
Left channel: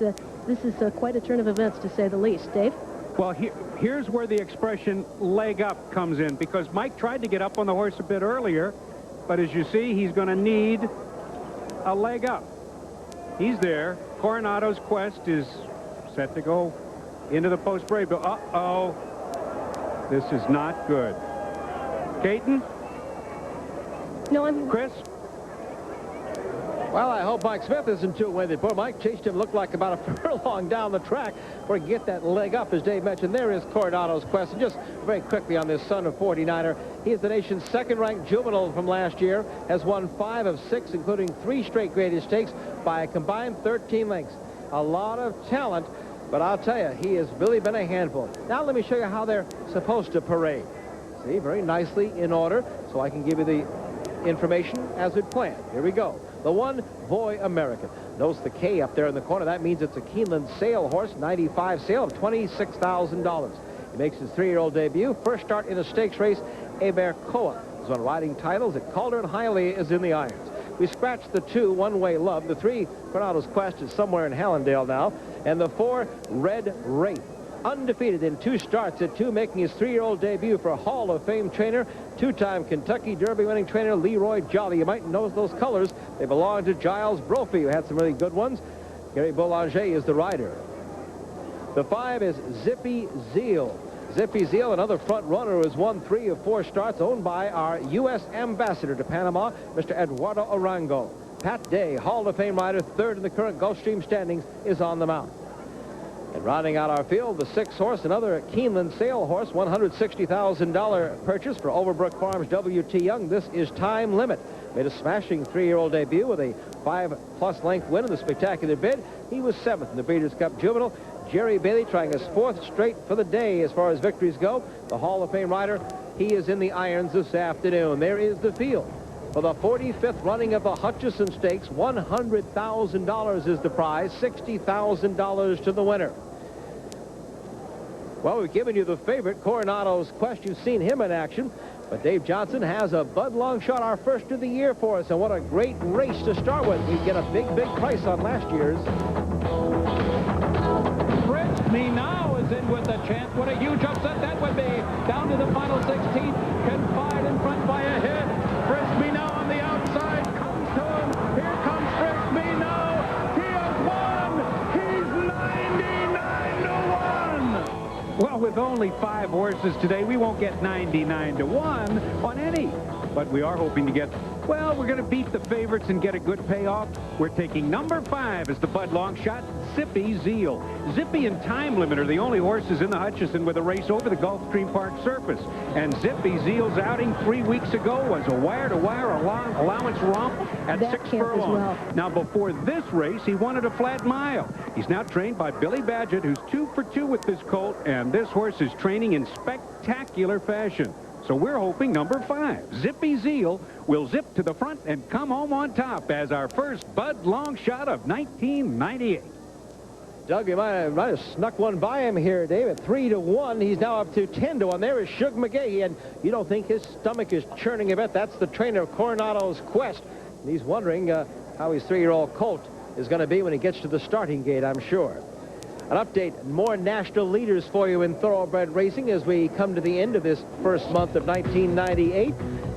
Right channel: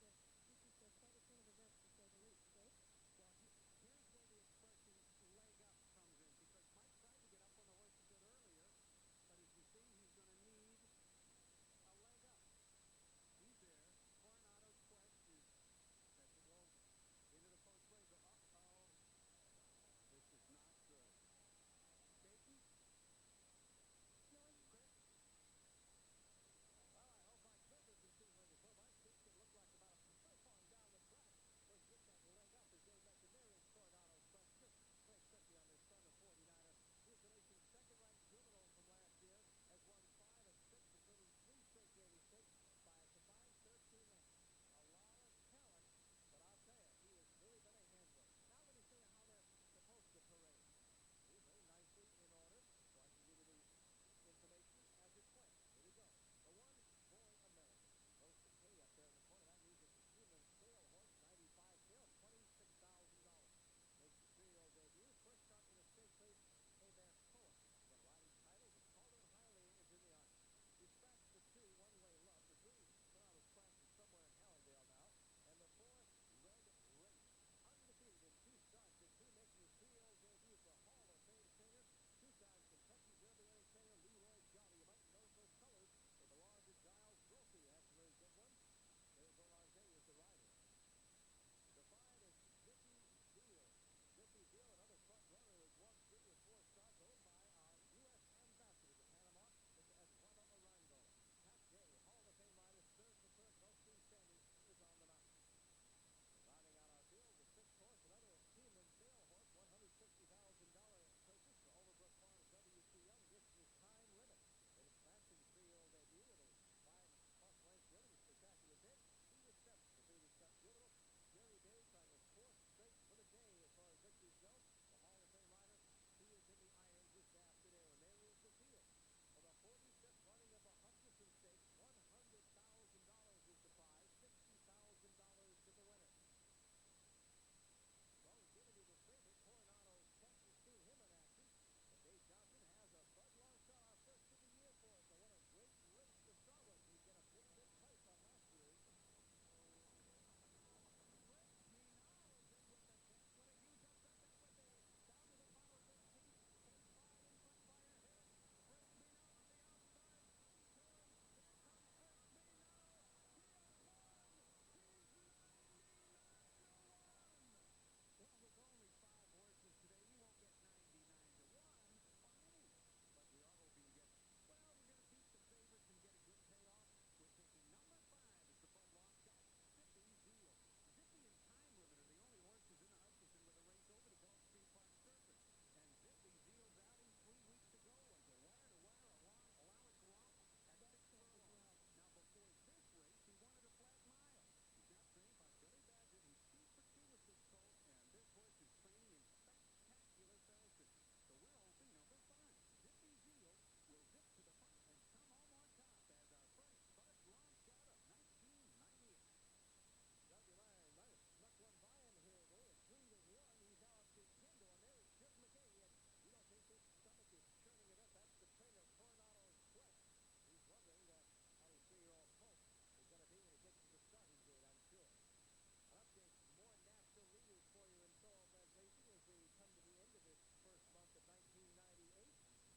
this is quite a turn of events, to say the least. Dave? Well, here's where the expression leg up comes in, because Mike tried to get up on the horse a bit earlier, but as you see, he's going to need a leg up. He's there. Coronado's Quest is set to go into the post parade, but uh-oh. This is not good. Caton? No, I'm... Chris? Well, I hope Mike Smith isn't too winded. Poor Mike chased him, looked like about a furlong down the track before he get that leg up, as Dave mentioned. There is Coronado's Quest. And just very quickly on this son of 49er, he is the nation's second-ranked juvenile from last year, has won 5 of 6, including 3 straight graded stakes by a combined 13 lengths. A lot of talent, but I'll tell you, he has really been a handful. Now let me show you how they're supposed to parade. See, very nicely in order, so I can give you the information as it planned. Here we go. The One Boy American. Notice the K up there in the corner. That means it's a Keeneland sale horse, 95 sale of $26,000. He makes his 3-year-old debut. First start in a stakes race. Abercoa is on riding titles at Calder, and Hiley is in the irons. We scratched the 2, One Way Love. The 3, Coronado's Quest, is somewhere in Hallandale now. And the 4, Red Wraith. Undefeated in 2 starts at 2, making his 3-year-old debut for Hall of Fame trainer, 2-time Kentucky Derby winning trainer Leroy Jolly. You might know those colors. They belong to Giles Brophy, who had some really good ones. Gary Boulanger is the rider. The 5 is Zippy Zeal. Zippy Zeal, another front runner, who has won 3 of 4 starts, owned by our U.S. ambassador to Panama, Mr. Eduardo Arango. Pat Day, Hall of Fame rider, 3rd in the current Gulfstream standings, is on the mount. And rounding out our field, the 6th horse, another Keeneland sale horse, $160,000 purchase for Overbrook Farms W.T. Young. This is Time Limit. Made a smashing 3-year-old debut with a 5+ length win in the spectacular bid. He was 7th in the Breeders' Cup Juvenile. Jerry Bailey trying his 4th straight for the day as far as victories go. The Hall of Fame rider, he is in the irons this afternoon. There is the field. For the 45th running of the Hutcheson Stakes, $100,000 is the prize, $60,000 to the winner. Well, we've given you the favorite, Coronado's Quest. You've seen him in action. But Dave Johnson has a Bud Long Shot, our first of the year for us. And what a great race to start with. We get a big price on last year's. Fritz Me Now is in with chance. What a huge upset that would be. Down to the final 16th. Confined in front by a hit. Frisbee now on the outside. Comes to him. Here comes Frisbee now. He has won. He's 99 to 1. Well, with only 5 horses today, we won't get 99 to 1 on any. But we are hoping to get, well, we're going to beat the favorites and get a good payoff. We're taking number 5 as the Bud Long Shot, Zippy Zeal. Zippy and Time Limit are the only horses in the Hutcheson with a race over the Gulfstream Park surface. And Zippy Zeal's outing 3 weeks ago was a wire-to-wire allowance romp at 6 furlongs. Well. Now, before this race, he wanted a flat mile. He's now trained by Billy Badgett, who's 2 for 2 with this colt, and this horse is training in spectacular fashion. So we're hoping number 5, Zippy Zeal, will zip to the front and come home on top as our first Bud Long Shot of 1998. Doug, you might have snuck one by him here, David. 3 to 1. He's now up to 10 to 1. There is Shug McGahee, and you don't think his stomach is churning a bit. That's the trainer of Coronado's Quest. And he's wondering how his 3-year-old colt is going to be when he gets to the starting gate, I'm sure. An update, more national leaders for you in thoroughbred racing as we come to the end of this first month of 1998.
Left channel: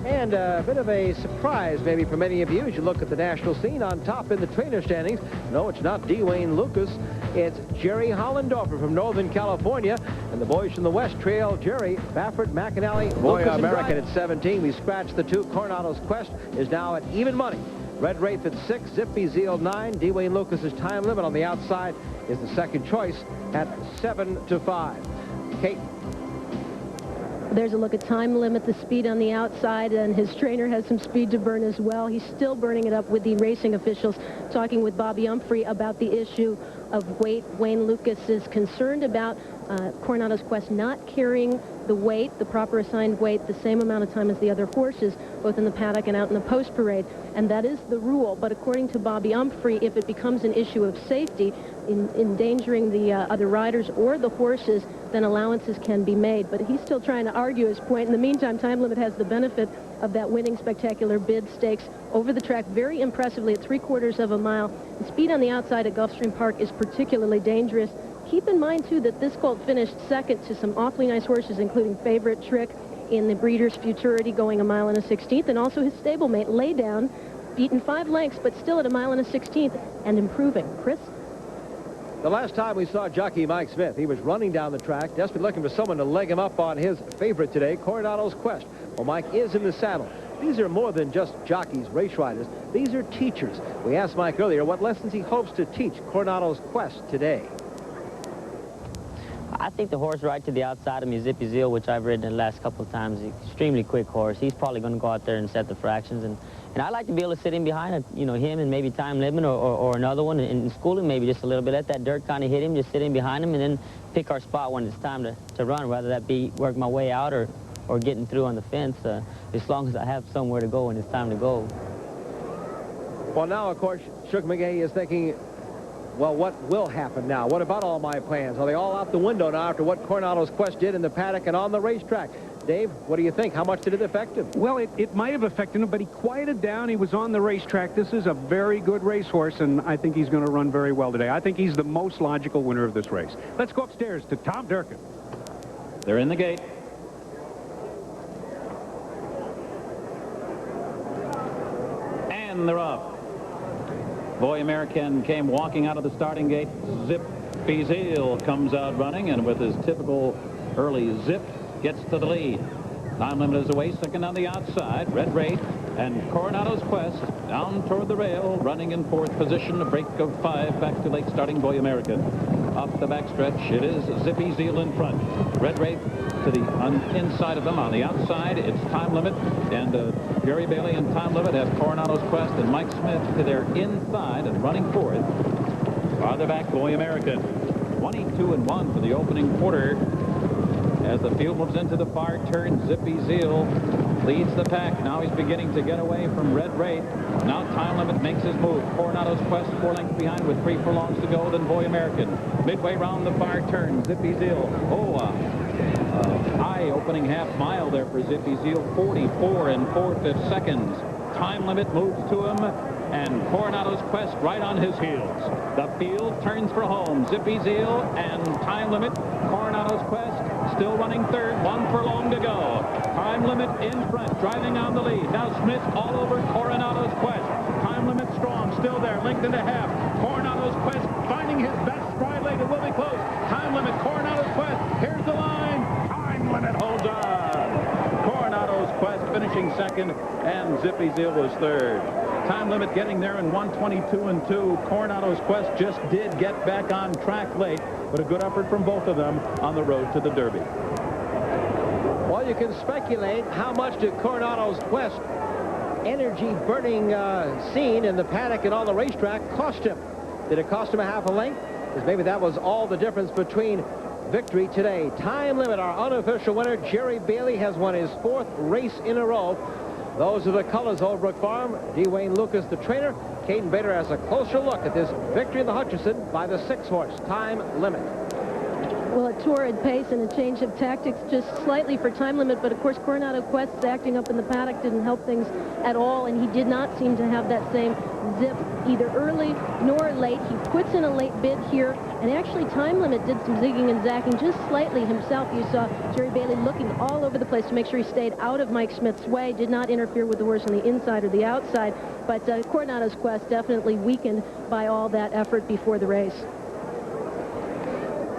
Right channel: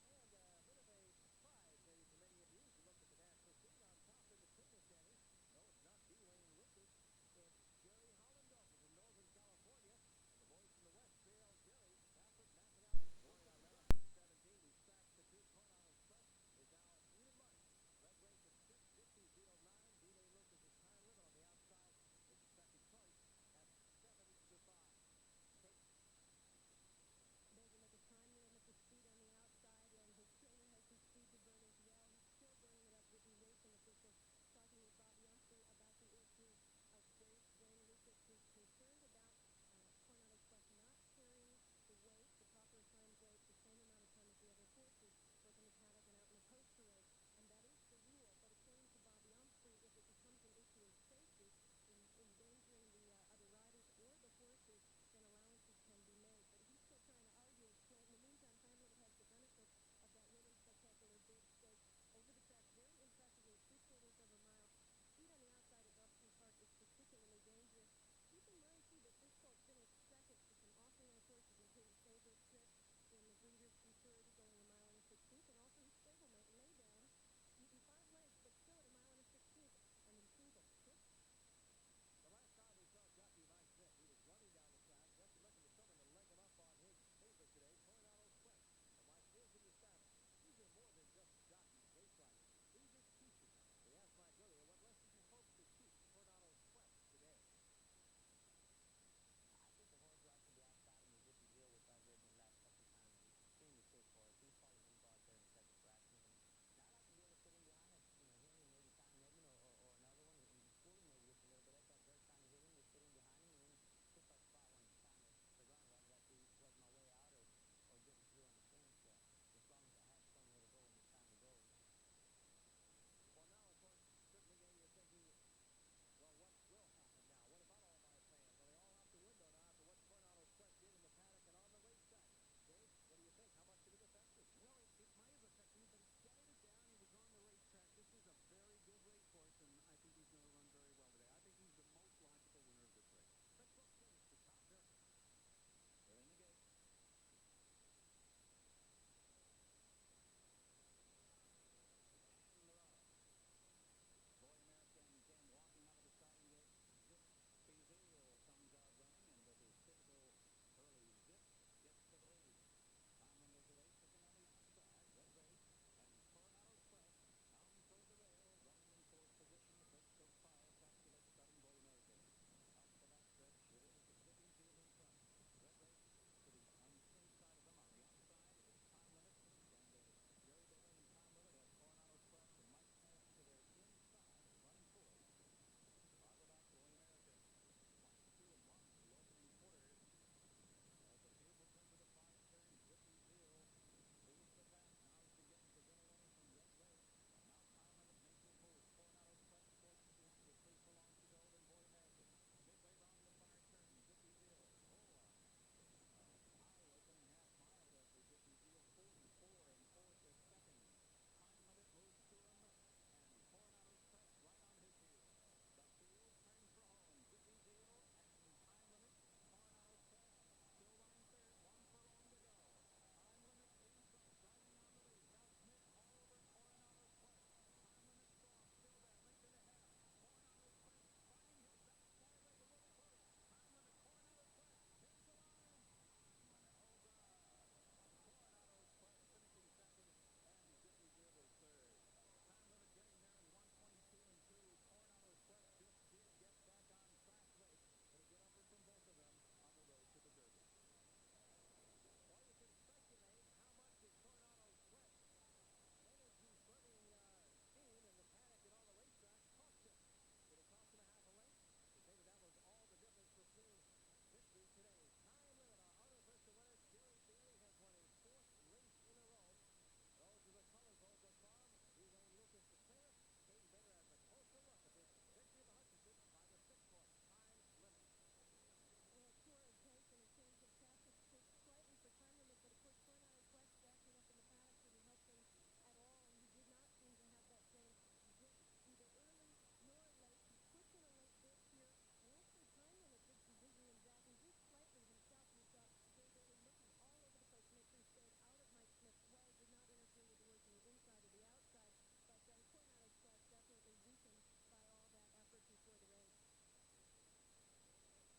And a bit of a surprise maybe for many of you as you look at the national scene. On top in the trainer standings, no, it's not Dwayne Lucas. It's Jerry Hollendorfer from Northern California. And the boys from the West trail Jerry, Baffert, McAnally, Boy American at 17. We scratched the 2. Coronado's Quest is now at even money. Red Wraith at 6, Zippy Zeal 9. Dwayne Lucas's Time Limit on the outside is the second choice at 7 to 5. Kate. There's a look at Time Limit, the speed on the outside, and his trainer has some speed to burn as well. He's still burning it up with the racing officials, talking with Bobby Humphrey about the issue of weight. Wayne Lucas is concerned about Coronado's Quest not carrying the weight, the proper assigned weight, the same amount of time as the other horses, both in the paddock and out in the post parade. And that is the rule. But according to Bobby Humphrey, if it becomes an issue of safety, endangering the other riders or the horses, then allowances can be made. But he's still trying to argue his point. In the meantime, Time Limit has the benefit of that winning Spectacular Bid Stakes over the track very impressively at 3/4 of a mile. The speed on the outside at Gulfstream Park is particularly dangerous. Keep in mind, too, that this colt finished second to some awfully nice horses, including Favorite Trick in the Breeders' Futurity, going 1 mile and a 16th, and also his stablemate, Lay Down, beaten 5 lengths, but still at 1 mile and a 16th and improving. Chris? The last time we saw jockey Mike Smith, he was running down the track, desperately looking for someone to leg him up on his favorite today, Coronado's Quest. Well, Mike is in the saddle. These are more than just jockeys, race riders. These are teachers. We asked Mike earlier what lessons he hopes to teach Coronado's Quest today. I think the horse right to the outside of me, Zippy Zeal, which I've ridden the last couple of times, extremely quick horse. He's probably going to go out there and set the fractions. And I like to be able to sit in behind, him and maybe Time Limit or another one and school him maybe just a little bit. Let that dirt kind of hit him, just sit in behind him and then pick our spot when it's time to run, whether that be work my way out or getting through on the fence, as long as I have somewhere to go when it's time to go. Well, now, of course, Shug McGahee is thinking, well, what will happen now? What about all my plans? Are they all out the window now after what Coronado's Quest did in the paddock and on the racetrack? Dave, what do you think? How much did it affect him? Well, it might have affected him, but he quieted down. He was on the racetrack. This is a very good racehorse, and I think he's going to run very well today. I think he's the most logical winner of this race. Let's go upstairs to Tom Durkin. They're in the gate. And they're off. Boy American came walking out of the starting gate. Zippy Zeal comes out running, and with his typical early zip, gets to the lead. Time Limit is away, second on the outside. Red Wraith and Coronado's Quest down toward the rail, running in 4th position. A break of 5 back to late starting Boy American. Up the backstretch, it is Zippy Zeal in front. Red Wraith to the inside of them. On the outside, it's Time Limit, and Jerry Bailey and Time Limit have Coronado's Quest and Mike Smith to their inside and running forward. Farther back, Boy American. 22-1 for the opening quarter. As the field moves into the far turn, Zippy Zeal leads the pack. Now he's beginning to get away from Red Wraith. Now Time Limit makes his move. Coronado's Quest 4 lengths behind with 3 furlongs to go. Then Boy American. Midway round the far turn, Zippy Zeal. High opening half mile there for Zippy Zeal. 44 4/5 seconds. Time Limit moves to him. and Coronado's Quest right on his heels. The field turns for home. Zippy Zeal and Time Limit. Coronado's Quest still running third. 1 furlong to go. Time Limit in front, driving on the lead. Now Smith all over Coronado's Quest. Time Limit strong, still there, linked into half. Coronado's Quest finding his best stride late. It will be close. Time Limit, Coronado's Quest. Here's the line. Time Limit holds on. Coronado's Quest finishing second, and Zippy Zeal was third. Time Limit getting there in 1:22.2. Coronado's Quest just did get back on track late, but a good effort from both of them on the road to the Derby. Well, you can speculate how much did Coronado's Quest energy-burning scene in the paddock and on the racetrack cost him. Did it cost him a half a length? Because maybe that was all the difference between victory today. Time Limit, our unofficial winner. Jerry Bailey has won his 4th race in a row. Those are the colors, Overbrook Farm. D. Wayne Lucas, the trainer. Caden Bader has a closer look at this victory in the Hutcherson by the 6-horse, Time Limit. Well, a torrid pace and a change of tactics just slightly for Time Limit, but of course Coronado Quest's acting up in the paddock didn't help things at all, and he did not seem to have that same zip either early nor late. He puts in a late bid here, and actually Time Limit did some zigging and zacking just slightly himself. You saw Jerry Bailey looking all over the place to make sure he stayed out of Mike Smith's way, did not interfere with the horse on the inside or the outside, but Coronado's Quest definitely weakened by all that effort before the race.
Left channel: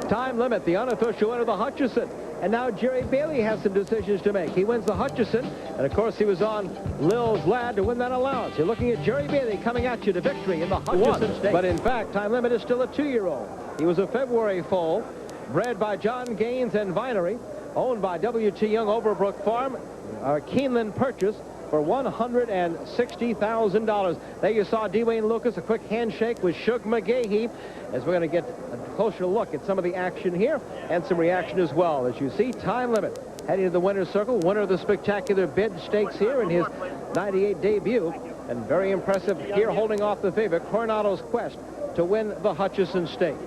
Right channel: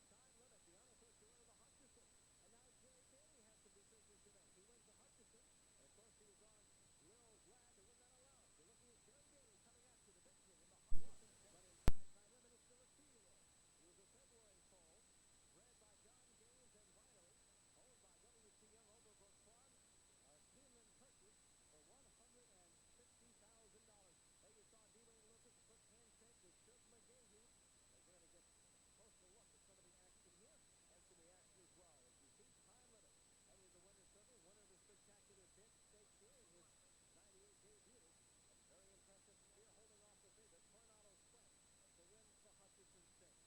Time Limit, the unofficial winner of the Hutcheson. And now Jerry Bailey has some decisions to make. He wins the Hutcheson, and of course he was on Lil's Lad to win that allowance. You're looking at Jerry Bailey coming at you to victory in the Hutcheson Stakes. But in fact, Time Limit is still a 2-year-old. He was a February foal, bred by John Gaines and Vinery, owned by W.T. Young, Overbrook Farm, Keeneland purchase for $160,000. There you saw D. Wayne Lucas, a quick handshake with Shug McGahee, as we're going to get a closer look at some of the action here and some reaction as well. As you see, Time Limit heading to the winner's circle, winner of the spectacular bid stakes here in his 98 debut, and very impressive here holding off the favorite, Coronado's Quest, to win the Hutcheson Stakes.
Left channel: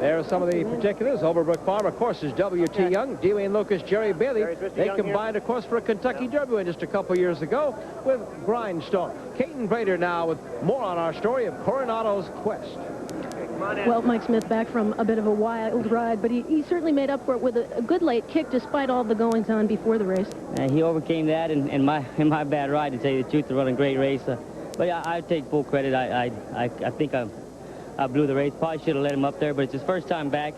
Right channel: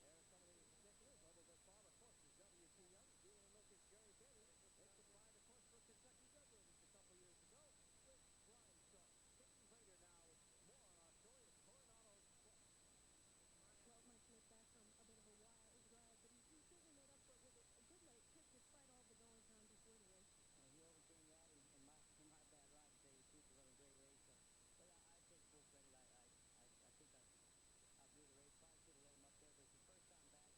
There are some of the particulars. Overbrook Farm, of course, is W.T. Young, D. Wayne Lucas, Jerry Bailey. They combined, of course, for a Kentucky Derby win just a couple years ago with Grindstone. Caden Bader now with more on our story of Coronado's Quest. Well, Mike Smith back from a bit of a wild ride, but he certainly made up for it with a good late kick despite all the goings-on before the race. He overcame that in my bad ride, to tell you the truth, to run a great race. But I take full credit. I think I blew the race. Probably should have let him up there, but it's his first time back.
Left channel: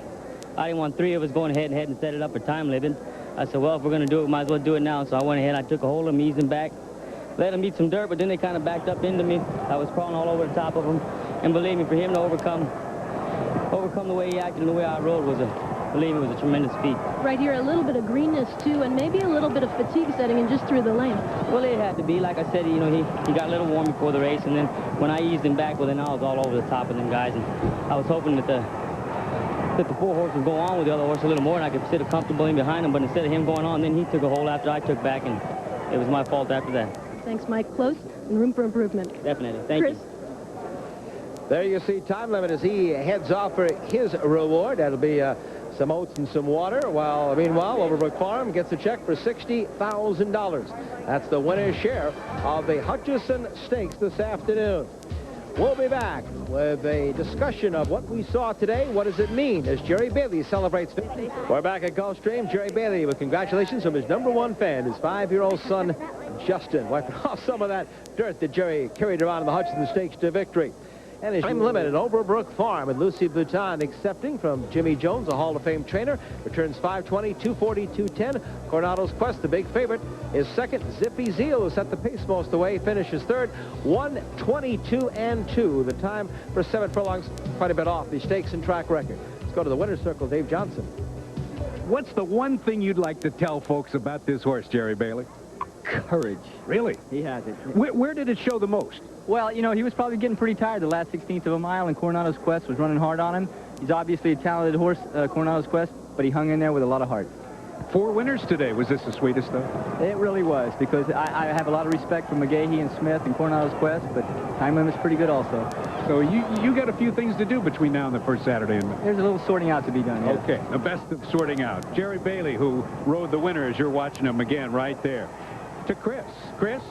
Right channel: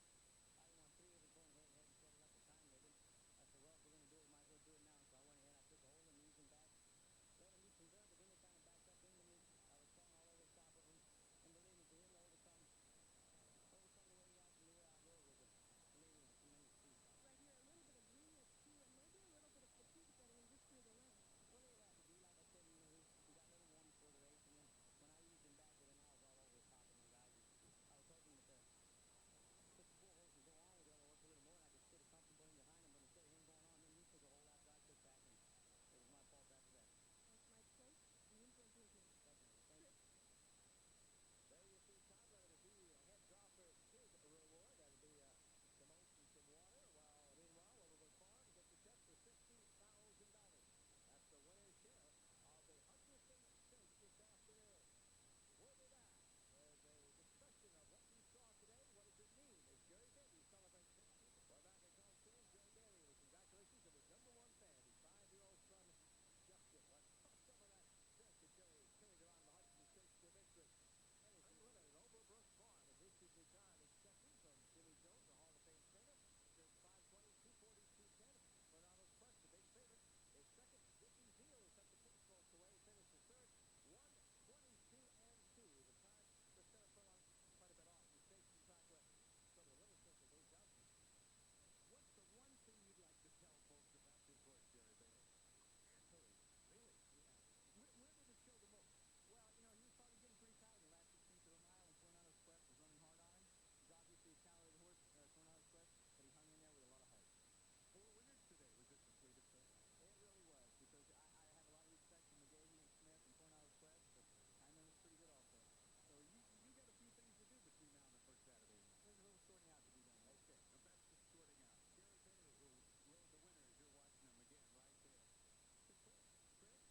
I didn't want 3 of us going ahead and set it up for Time Limit. I said, well, if we're going to do it, we might as well do it now. So I went ahead, I took a hold of him, eased him back, let him eat some dirt, but then they kind of backed up into me. I was crawling all over the top of him. And believe me, for him to overcome the way he acted and the way I rode believe me, it was a tremendous feat. Right here, a little bit of greenness, too, and maybe a little bit of fatigue setting in just through the lane. Well, it had to be. Like I said, you know, he got a little warm before the race, and then when I eased him back, well, then I was all over the top of them guys, and I was hoping that the 4-horse would go on with the other horse a little more, and I could sit comfortable in behind him, but instead of him going on, then he took a hold after I took back, and it was my fault after that. Thanks, Mike. Close and room for improvement. Definitely. Thank you. There you see Time Limit as he heads off for his reward. That'll be some oats and some water. While meanwhile, Overbrook Farm gets a check for $60,000. That's the winner's share of the Hutcheson Stakes this afternoon. We'll be back with a discussion of what we saw today. What does it mean as Jerry Bailey celebrates 50? We're back at Gulfstream. Jerry Bailey with congratulations from his #1 fan, his 5-year-old son, Justin, wiping off some of that dirt that Jerry carried around in the Hutcheson Stakes to victory. And his Time Limit at Overbrook Farm, and Lucy Bouton accepting from Jimmy Jones, a Hall of Fame trainer. Returns 520, 240, 210. Coronado's Quest, the big favorite, is second. Zippy Zeal, who set the pace most of the way, finishes third. 1:22.2. The time for 7 furlongs, quite a bit off the stakes and track record. Let's go to the winner's circle, Dave Johnson. What's the one thing you'd like to tell folks about this horse, Jerry Bailey? Courage. Really? He has it. Where did it show the most? Well, you know, he was probably getting pretty tired the last 16th of a mile, and Coronado's Quest was running hard on him. He's obviously a talented horse, Coronado's Quest, but he hung in there with a lot of heart. 4 winners today. Was this the sweetest, though? It really was, because I have a lot of respect for McGahee and Smith and Coronado's Quest, but Time Limit's pretty good also. So you got a few things to do between now and the first Saturday. There's a little sorting out to be done, yeah. Okay, the best of sorting out. Jerry Bailey, who rode the winner, as you're watching him again right there. To Chris. Chris?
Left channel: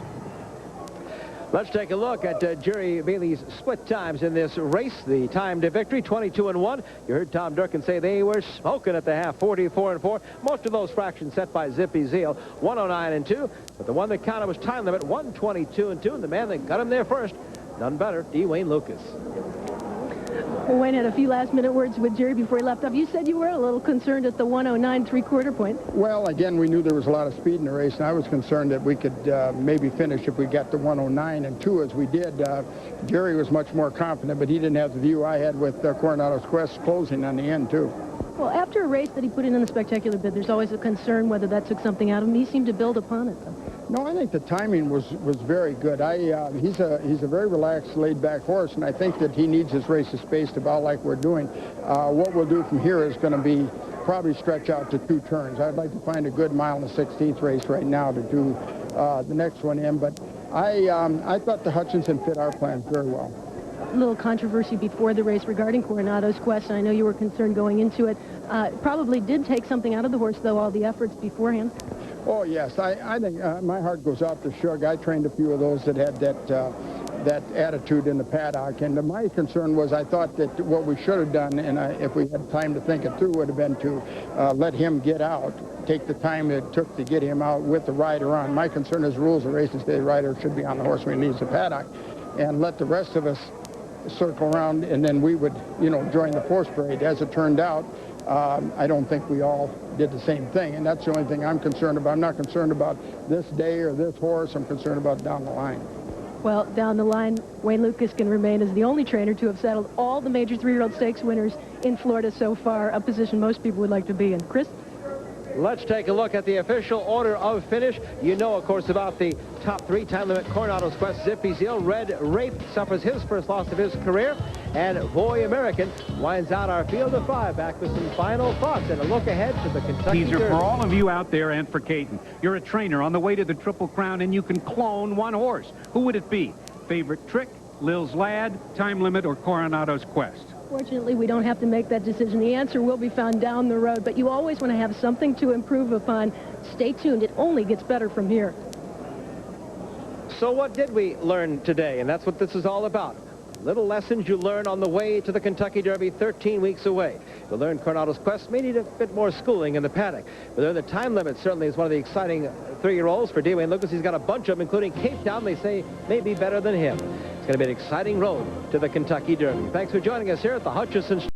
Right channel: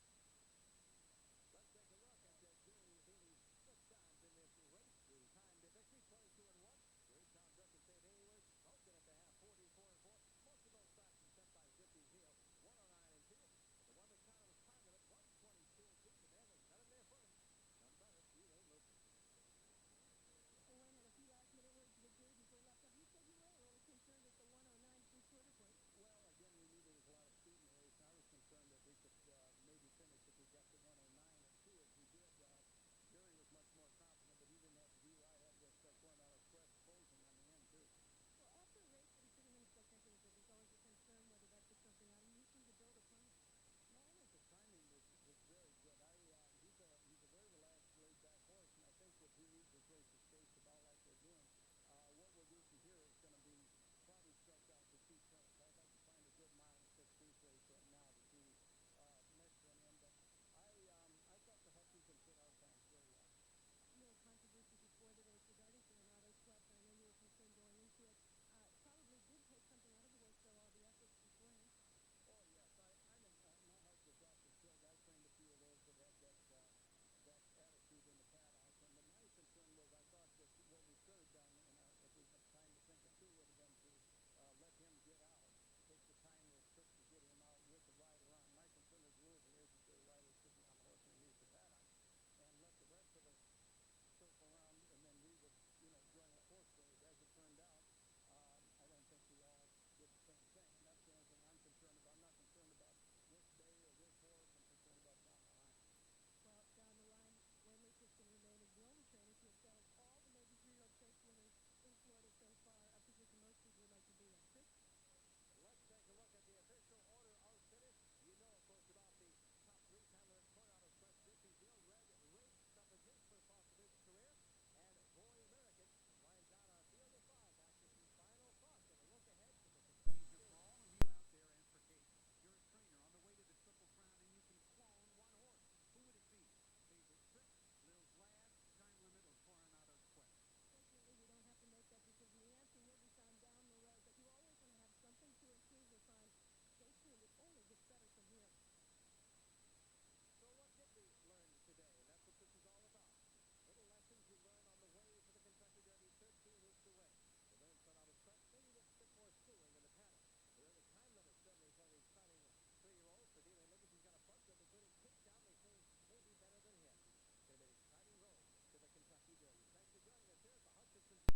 Let's take a look at Jerry Bailey's split times in this race. The time to victory, 22-1. You heard Tom Durkin say they were smoking at the half, 44-4. Most of those fractions set by Zippy Zeal, 109-2. But the one that counted was time limit, 122-2. And the man that got him there first, none better, D. Wayne Lucas. Well, Wayne had a few last-minute words with Jerry before he left off. You said you were a little concerned at the 109 3/4 point. Well, again, we knew there was a lot of speed in the race, and I was concerned that we could maybe finish if we got to 109-2 as we did. Jerry was much more confident, but he didn't have the view I had with Coronado's Quest closing on the end, too. Well, after a race that he put in the spectacular bid, there's always a concern whether that took something out of him. He seemed to build upon it, though. No, I think the timing was very good. He's a very relaxed, laid-back horse, and I think that he needs his races spaced about like we're doing. What we'll do from here is going to be probably stretch out to 2 turns. I'd like to find a good mile and a 16th race right now to do the next one in, but I thought the Hutcheson fit our plans very well. A little controversy before the race regarding Coronado's Quest. I know you were concerned going into it. Probably did take something out of the horse, though, all the efforts beforehand. Oh, yes. I think my heart goes out to Shug. I trained a few of those that had that attitude in the paddock. And my concern was I thought that what we should have done, and if we had time to think it through, would have been to let him get out, take the time it took to get him out with the rider on. My concern is rules of racing say the rider should be on the horse when he leaves the paddock, and let the rest of us circle around, and then we would, join the force parade. As it turned out, I don't think we all did the same thing, and that's the only thing I'm concerned about. I'm not concerned about this day or this horse. I'm concerned about down the line. Well, down the line, Wayne Lucas can remain as the only trainer to have settled all the major 3-year-old stakes winners in Florida so far, a position most people would like to be in. Chris? Let's take a look at the official order of finish. You know, of course, about the top 3 time limit Coronado's Quest. Zippy Zeal, Red Wraith suffers his first loss of his career, and Boy American winds out our field of 5. Back with some final thoughts and a look ahead to the Kentucky Teaser Derby. for all of you out there and for Caton. You're a trainer on the way to the Triple Crown, and you can clone one horse. Who would it be? Favorite Trick, Lil's Lad, Time Limit, or Coronado's Quest? Fortunately, we don't have to make that decision. The answer will be found down the road, but you always want to have something to improve upon. Stay tuned. It only gets better from here. So what did we learn today? And that's what this is all about. Little lessons you learn on the way to the Kentucky Derby 13 weeks away. You'll learn Coronado's Quest may need a bit more schooling in the paddock. But the time limit certainly is one of the exciting 3-year-olds for D. Wayne Lucas. He's got a bunch of them, including Cape Town, they say may be better than him. It's going to be an exciting road to the Kentucky Derby. Thanks for joining us here at the Hutcheson Stakes.